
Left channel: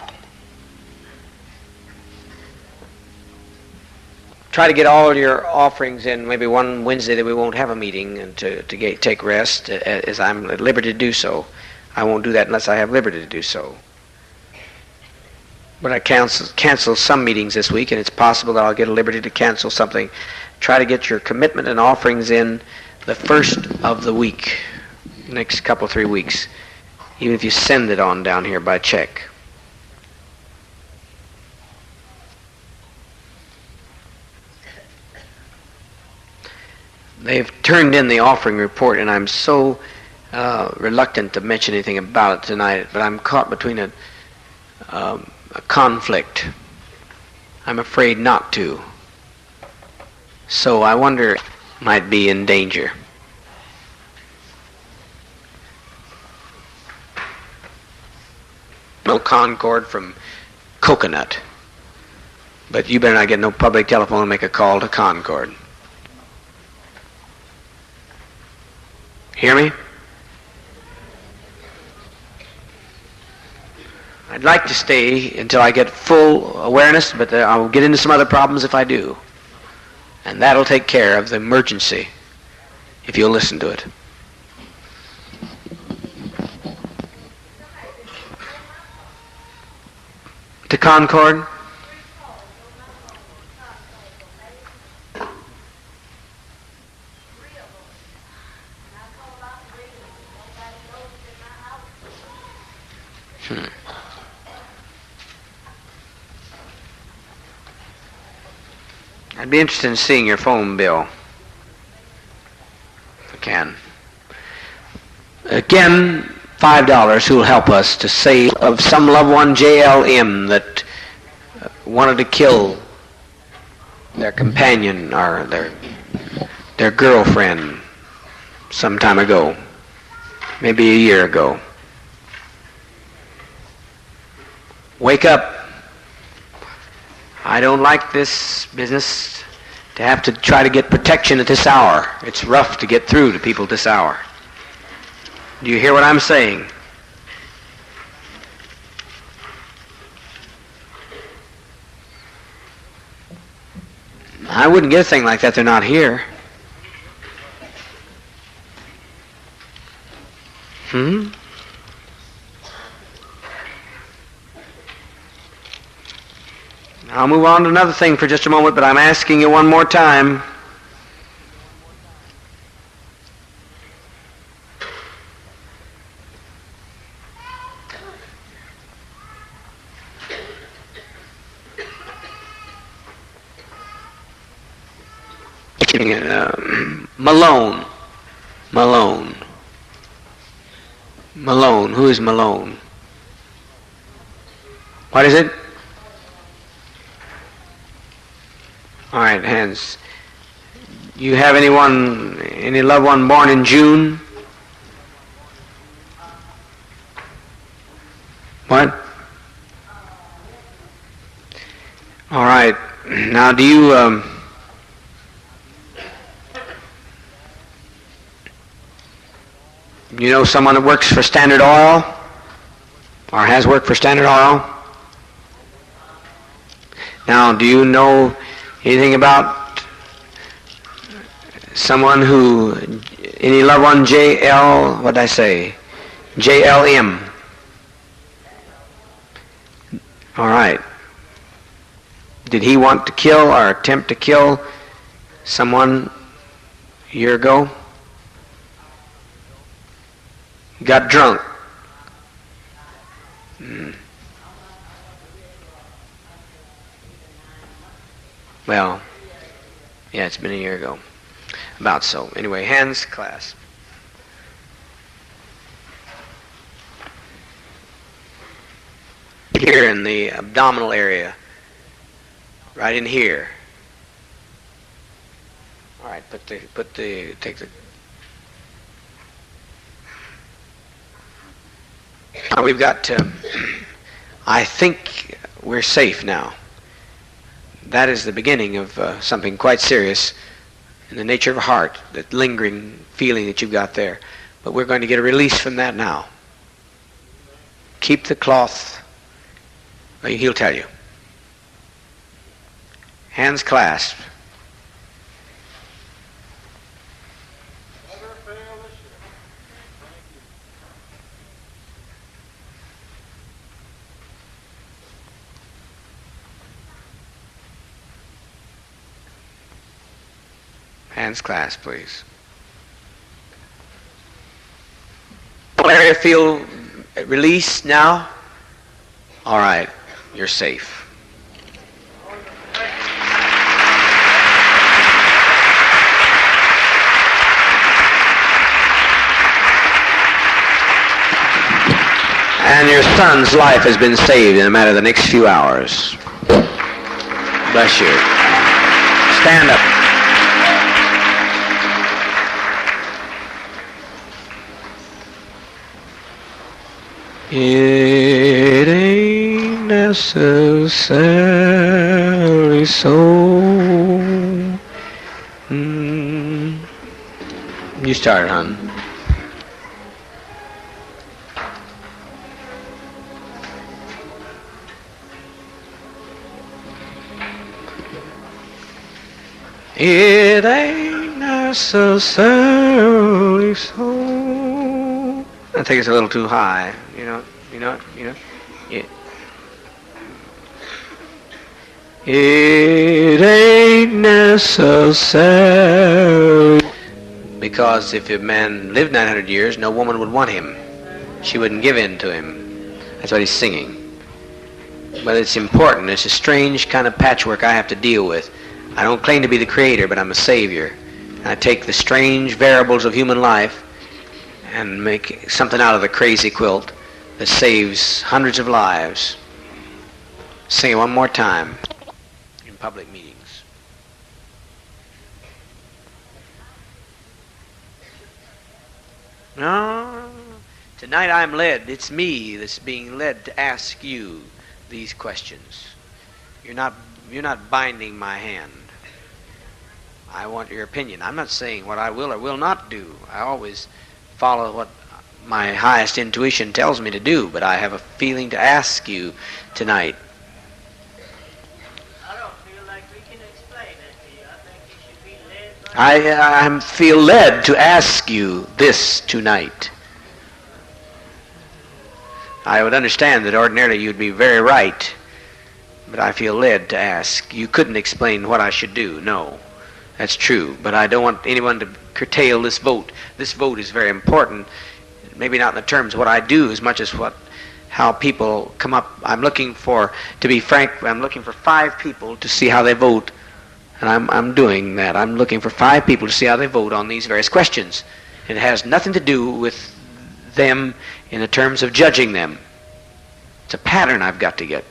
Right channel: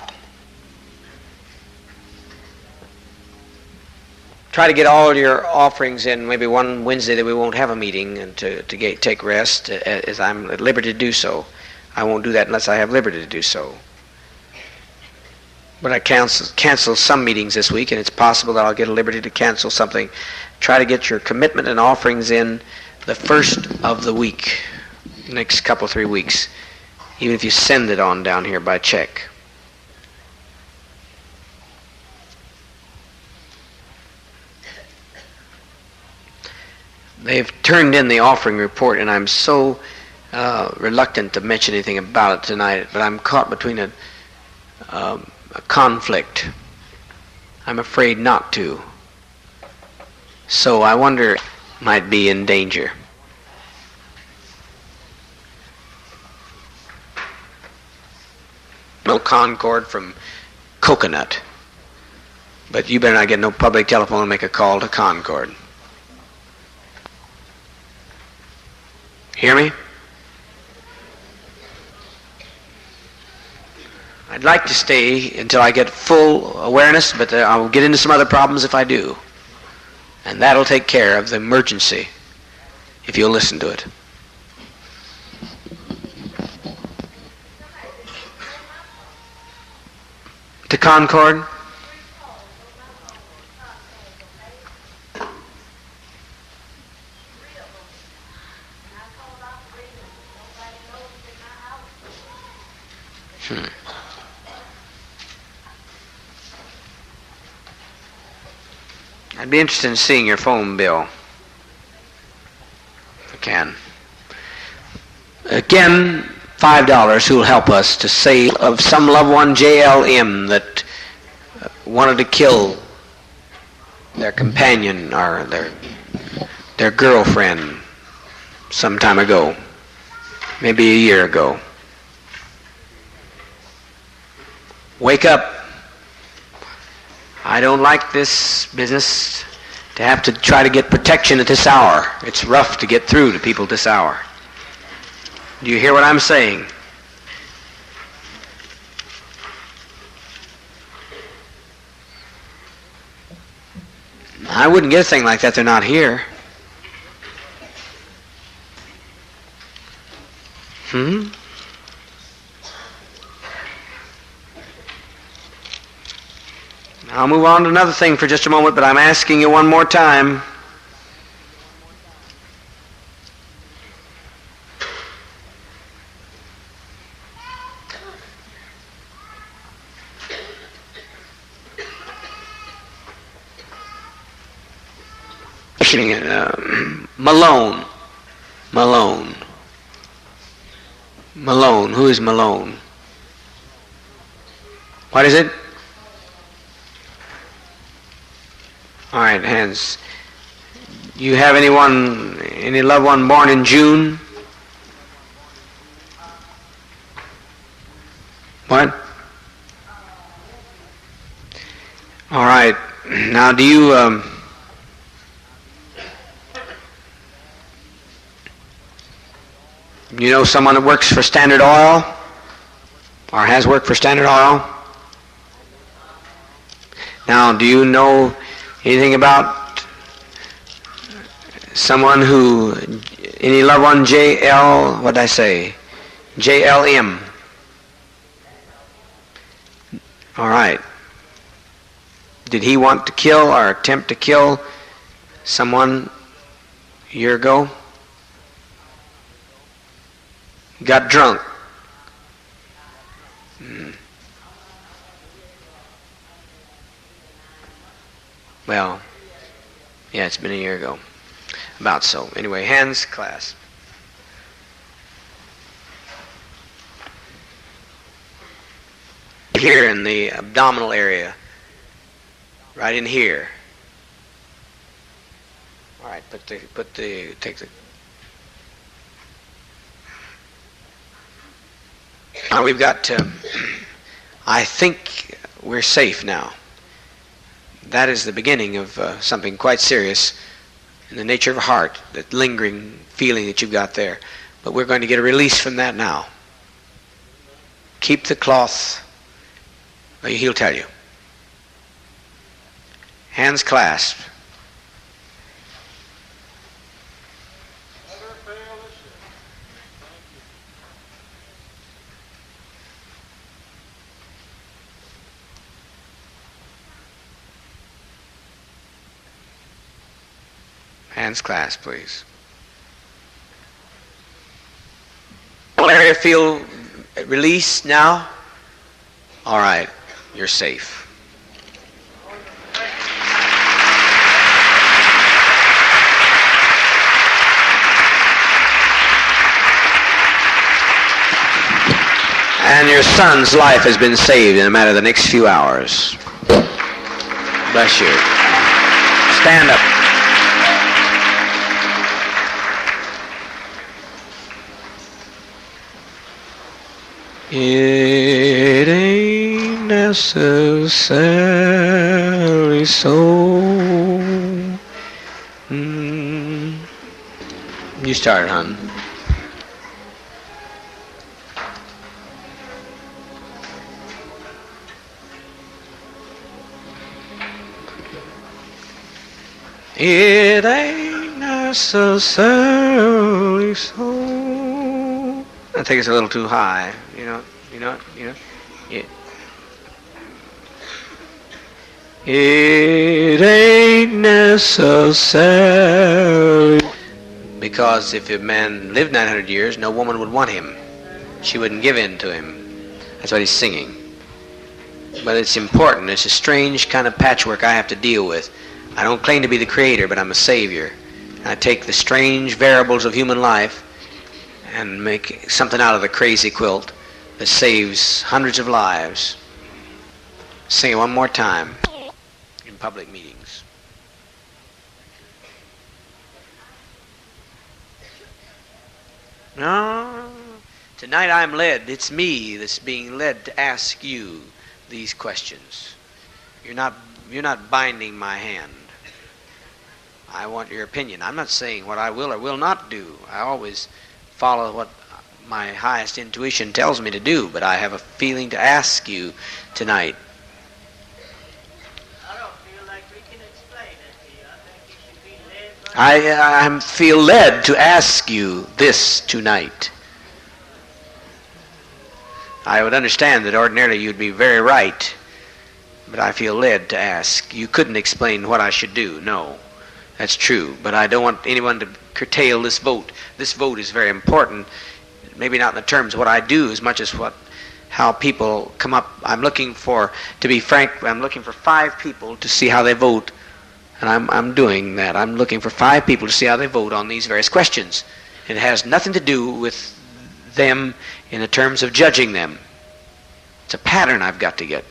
Try to get all your offerings in maybe one Wednesday that we won't have a meeting, and to take rest as I'm at liberty to do so. I won't do that unless I have liberty to do so. But I cancel some meetings this week, and it's possible that I'll get a liberty to cancel something. Try to get your commitment and offerings in the first of the week, next couple, 3 weeks, even if you send it on down here by check. They've turned in the offering report, and I'm so reluctant to mention anything about it tonight, but I'm caught between a conflict. I'm afraid not to. So I wonder if it might be in danger. No Concord from Coconut. But you better not get no public telephone and make a call to Concord. Hear me? I'd like to stay until I get full awareness, but I'll get into some other problems if I do. And that'll take care of the emergency, if you'll listen to it. To Concord? I'd be interested in seeing your phone bill. If I can. Again, $5 who will help us to say of some loved one, JLM, that wanted to kill their companion or their girlfriend some time ago, maybe a year ago. Wake up. I don't like this business to have to try to get protection at this hour. It's rough to get through to people at this hour. Do you hear what I'm saying? I wouldn't get a thing like that. They're not here. I'll move on to another thing for just a moment, but I'm asking you one more time. Malone. Who is Malone? What is it? All right, hands. You have any loved one born in June? What? All right. Now, do you you know someone that works for Standard Oil or has worked for Standard Oil? Now, do you know anything about someone any loved one, JLM? All right. Did he want to kill or attempt to kill someone a year ago? He got drunk. Well, yeah, it's been a year ago. About so. Anyway, hands clasped. Here in the abdominal area. Right in here. All right, take the. Now we've got, I think we're safe now. That is the beginning of something quite serious in the nature of a heart, that lingering feeling that you've got there. But we're going to get a release from that now. Keep the cloth, he'll tell you. Hands clasped. Hands clasped, please. Do you feel released now? All right, you're safe. And your son's life has been saved in a matter of the next few hours. Bless you. Stand up. It ain't necessarily so. You start, hon. It ain't necessarily so. I think it's a little too high. You know. Yeah. It ain't necessary. Because if a man lived 900 years, no woman would want him. She wouldn't give in to him. That's what he's singing. But it's important. It's a strange kind of patchwork I have to deal with. I don't claim to be the creator, but I'm a savior. I take the strange variables of human life and make something out of the crazy quilt that saves hundreds of lives. Sing it one more time in public meetings. No, tonight I'm led. It's me that's being led to ask you these questions. You're not binding my hand. I want your opinion. I'm not saying what I will or will not do. I always follow what my highest intuition tells me to do, but I have a feeling to ask you tonight. I don't feel like we can explain it to you. I think you should be led by... I feel led to ask you this tonight. I would understand that ordinarily you'd be very right, but I feel led to ask. You couldn't explain what I should do, no. That's true, but I don't want anyone to curtail this vote. This vote is very important, maybe not in the terms of what I do as much as how people come up. To be frank, I'm looking for 5 people to see how they vote, and I'm doing that. I'm looking for 5 people to see how they vote on these various questions. It has nothing to do with them in the terms of judging them. It's a pattern I've got to get.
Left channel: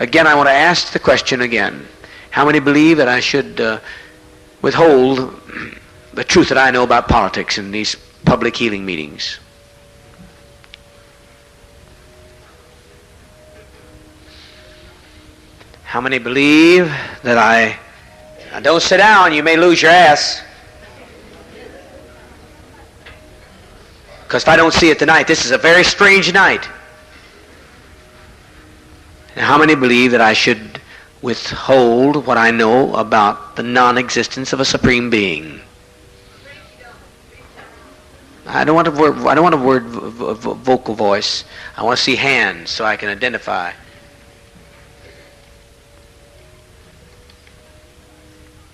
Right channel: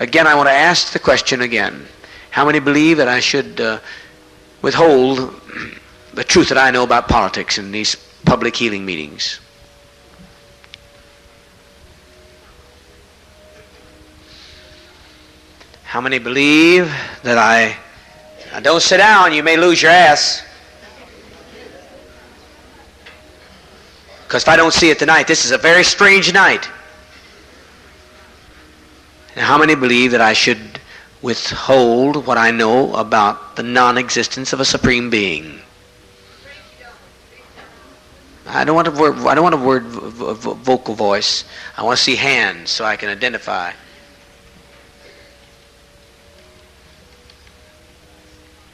Again, I want to ask the question again. How many believe that I should withhold the truth that I know about politics in these public healing meetings? How many believe that Now don't sit down, you may lose your ass. Because if I don't see it tonight, this is a very strange night. Now, how many believe that I should withhold what I know about the non-existence of a supreme being? I don't want a vocal voice. I want to see hands so I can identify.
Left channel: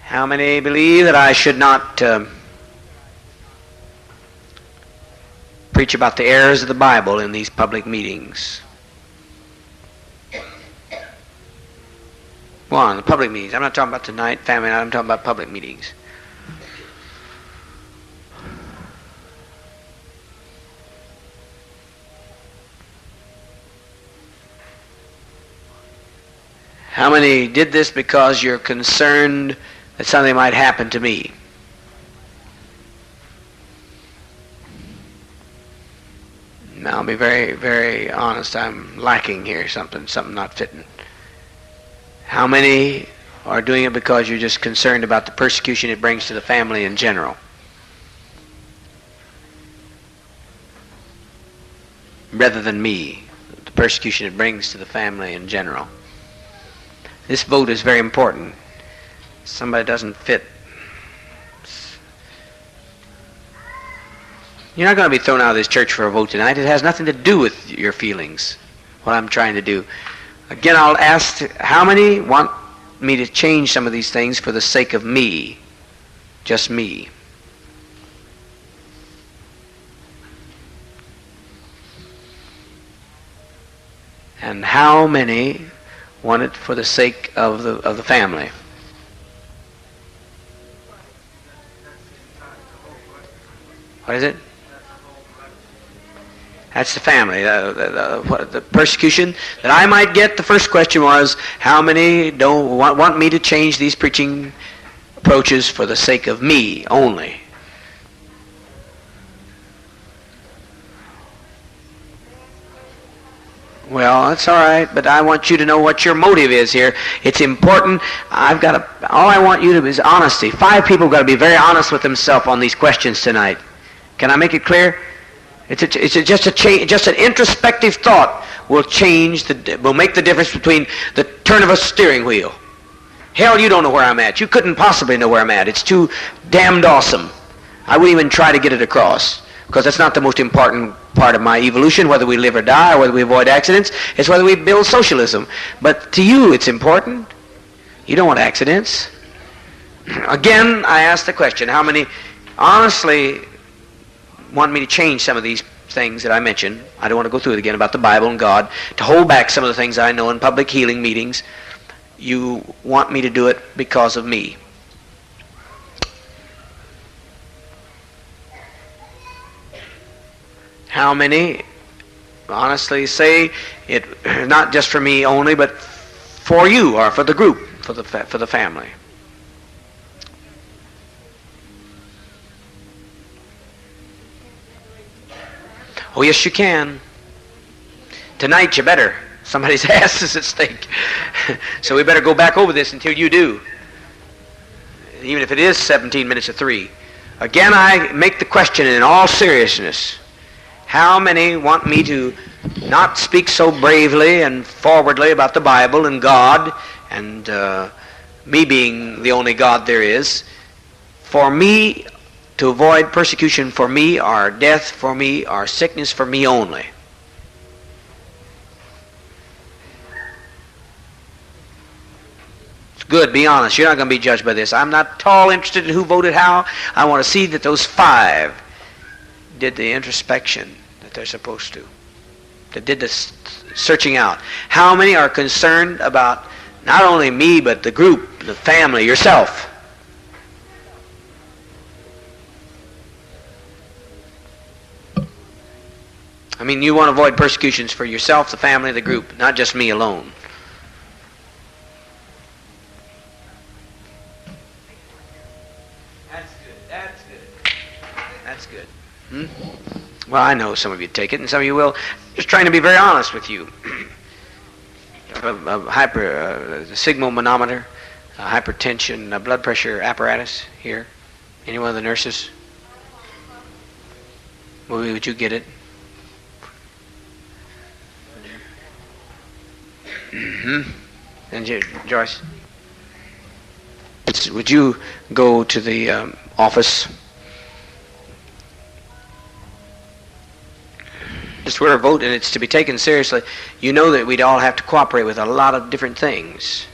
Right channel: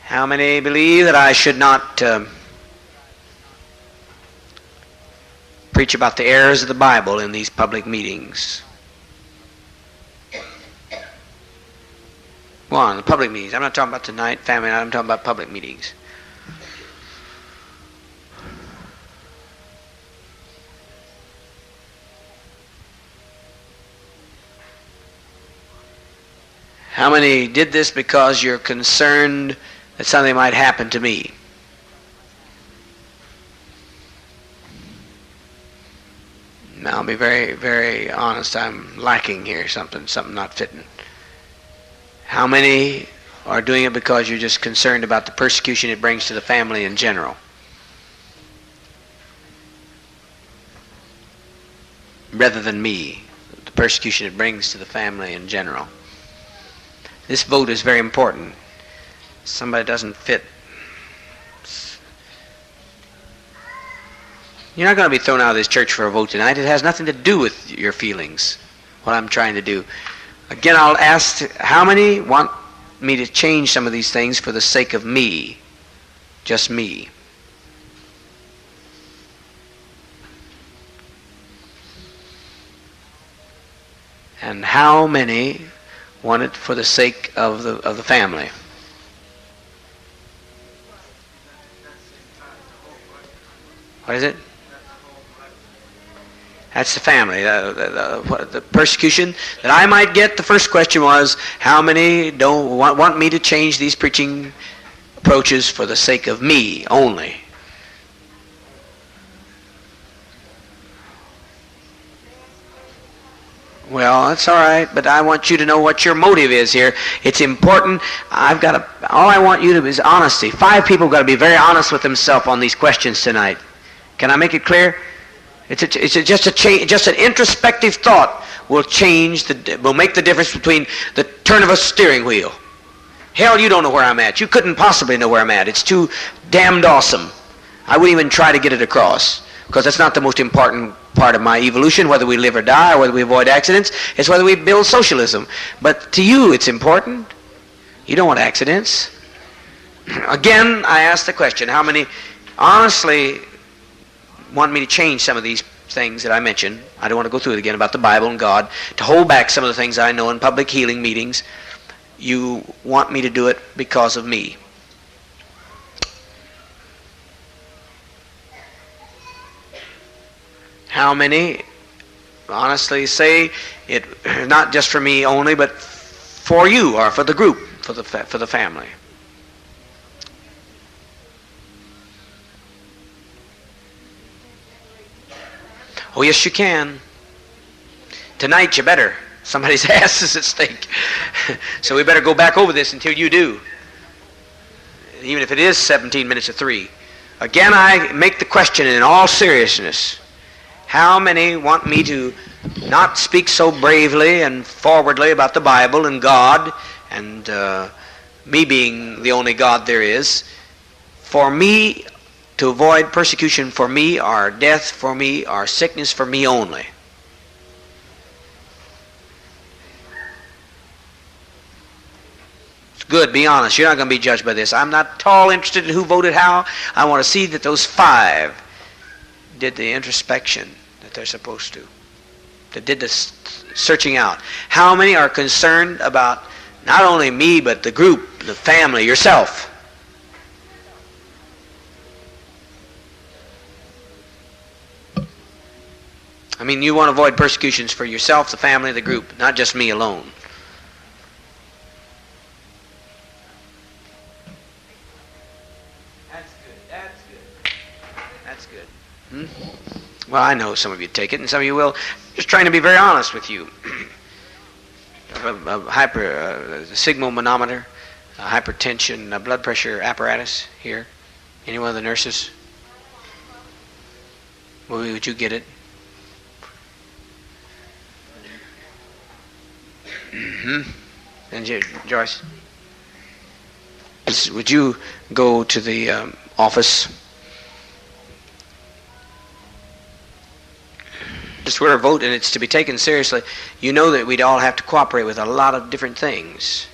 How many believe that I should not preach about the errors of the Bible in these public meetings? One, the public meetings. I'm not talking about tonight, family night. I'm talking about public meetings. How many did this because you're concerned that something might happen to me? Now, I'll be very, very honest. I'm lacking here something not fitting. How many are doing it because you're just concerned about the persecution it brings to the family in general? Rather than me, the persecution it brings to the family in general. This vote is very important. Somebody doesn't fit. You're not going to be thrown out of this church for a vote tonight. It has nothing to do with your feelings, what I'm trying to do. Again, I'll ask, how many want me to change some of these things for the sake of me? Just me. And how many want it for the sake of the family? What is it? That's the family. The persecution that I might get, the first question was, how many don't want me to change these preaching approaches for the sake of me only? Well, that's all right, but I want you to know what your motive is here. It's important. All I want you to is honesty. 5 people have got to be very honest with themselves on these questions tonight. Can I make it clear? It's just an introspective thought will make the difference between the turn of a steering wheel. Hell, you don't know where I'm at. You couldn't possibly know where I'm at. It's too damned awesome. I wouldn't even try to get it across, because that's not the most important part of my evolution, whether we live or die, or whether we avoid accidents. It's whether we build socialism. But to you, it's important. You don't want accidents. Again, I ask the question, how many honestly want me to change some of these things that I mentioned? I don't want to go through it again about the Bible and God, to hold back some of the things I know in public healing meetings. You want me to do it because of me. How many honestly say it, not just for me only, but for you or for the group, for the family? Oh, yes, you can. Tonight you better. Somebody's ass is at stake. So we better go back over this until you do. Even if it is 17 minutes to 3. Again, I make the question in all seriousness. How many want me to not speak so bravely and forwardly about the Bible and God and me being the only God there is, for me to avoid persecution for me or death for me or sickness for me only? It's good, be honest. You're not going to be judged by this. I'm not at all interested in who voted how. I want to see that those 5 did the introspection that they're supposed to. That did the searching out. How many are concerned about not only me, but the group, the family, yourself? I mean, you want to avoid persecutions for yourself, the family, the group, not just me alone. That's good. That's good. Well, I know some of you take it, and some of you will. Just trying to be very honest with you. A sigmoid-manometer, a hypertension, a blood pressure apparatus here. Any one of the nurses? Would you get it? And Joyce, would you go to the office? Just we're a vote, and it's to be taken seriously. You know that we'd all have to cooperate with a lot of different things.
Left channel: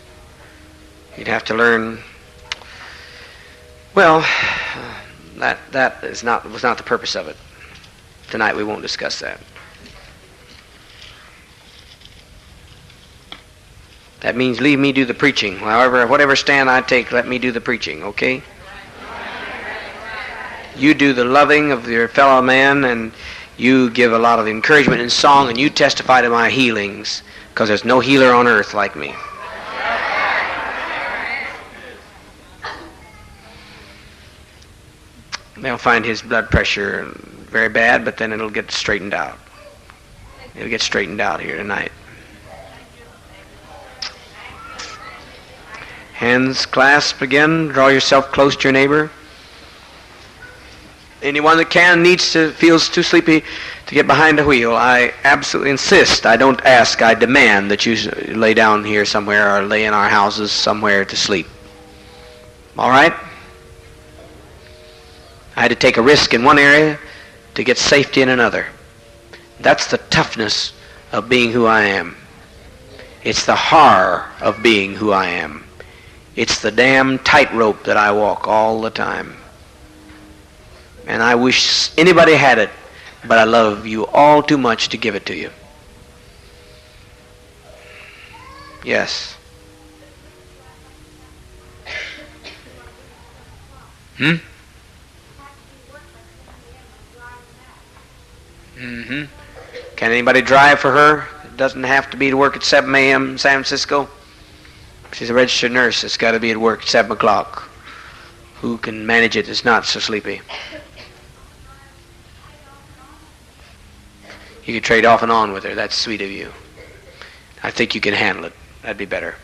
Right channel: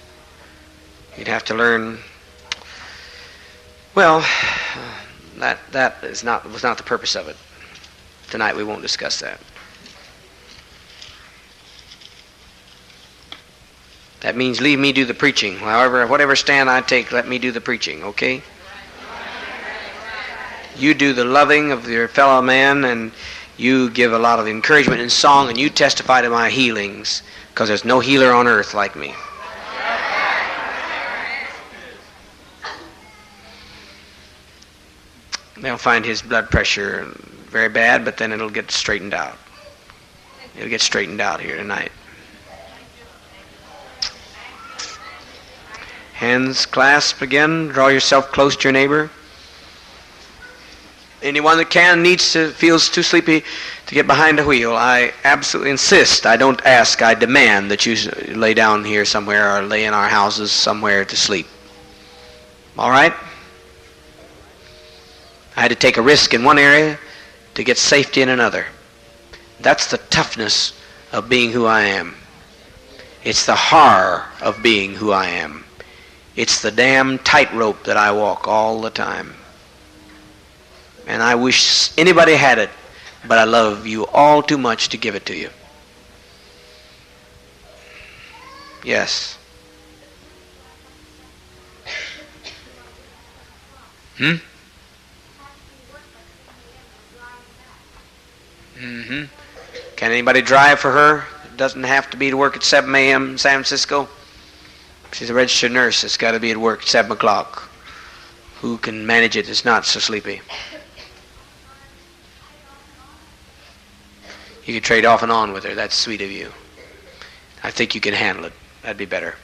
You'd have to learn. Well, that was not the purpose of it. Tonight we won't discuss that. That means leave me do the preaching. However, whatever stand I take, let me do the preaching, okay? You do the loving of your fellow man, and you give a lot of encouragement in song, and you testify to my healings, because there's no healer on earth like me. They'll find his blood pressure very bad, but then it'll get straightened out. It'll get straightened out here tonight. Hands clasped again. Draw yourself close to your neighbor. Anyone that feels too sleepy to get behind the wheel, I absolutely insist. I don't ask. I demand that you lay down here somewhere or lay in our houses somewhere to sleep. All right? I had to take a risk in one area to get safety in another. That's the toughness of being who I am. It's the horror of being who I am. It's the damn tightrope that I walk all the time. And I wish anybody had it, but I love you all too much to give it to you. Yes. Can anybody drive for her? It doesn't have to be to work at 7 a.m. in San Francisco. She's a registered nurse. It's got to be at work at 7 o'clock. Who can manage it is not so sleepy. You can trade off and on with her. That's sweet of you. I think you can handle it. That'd be better.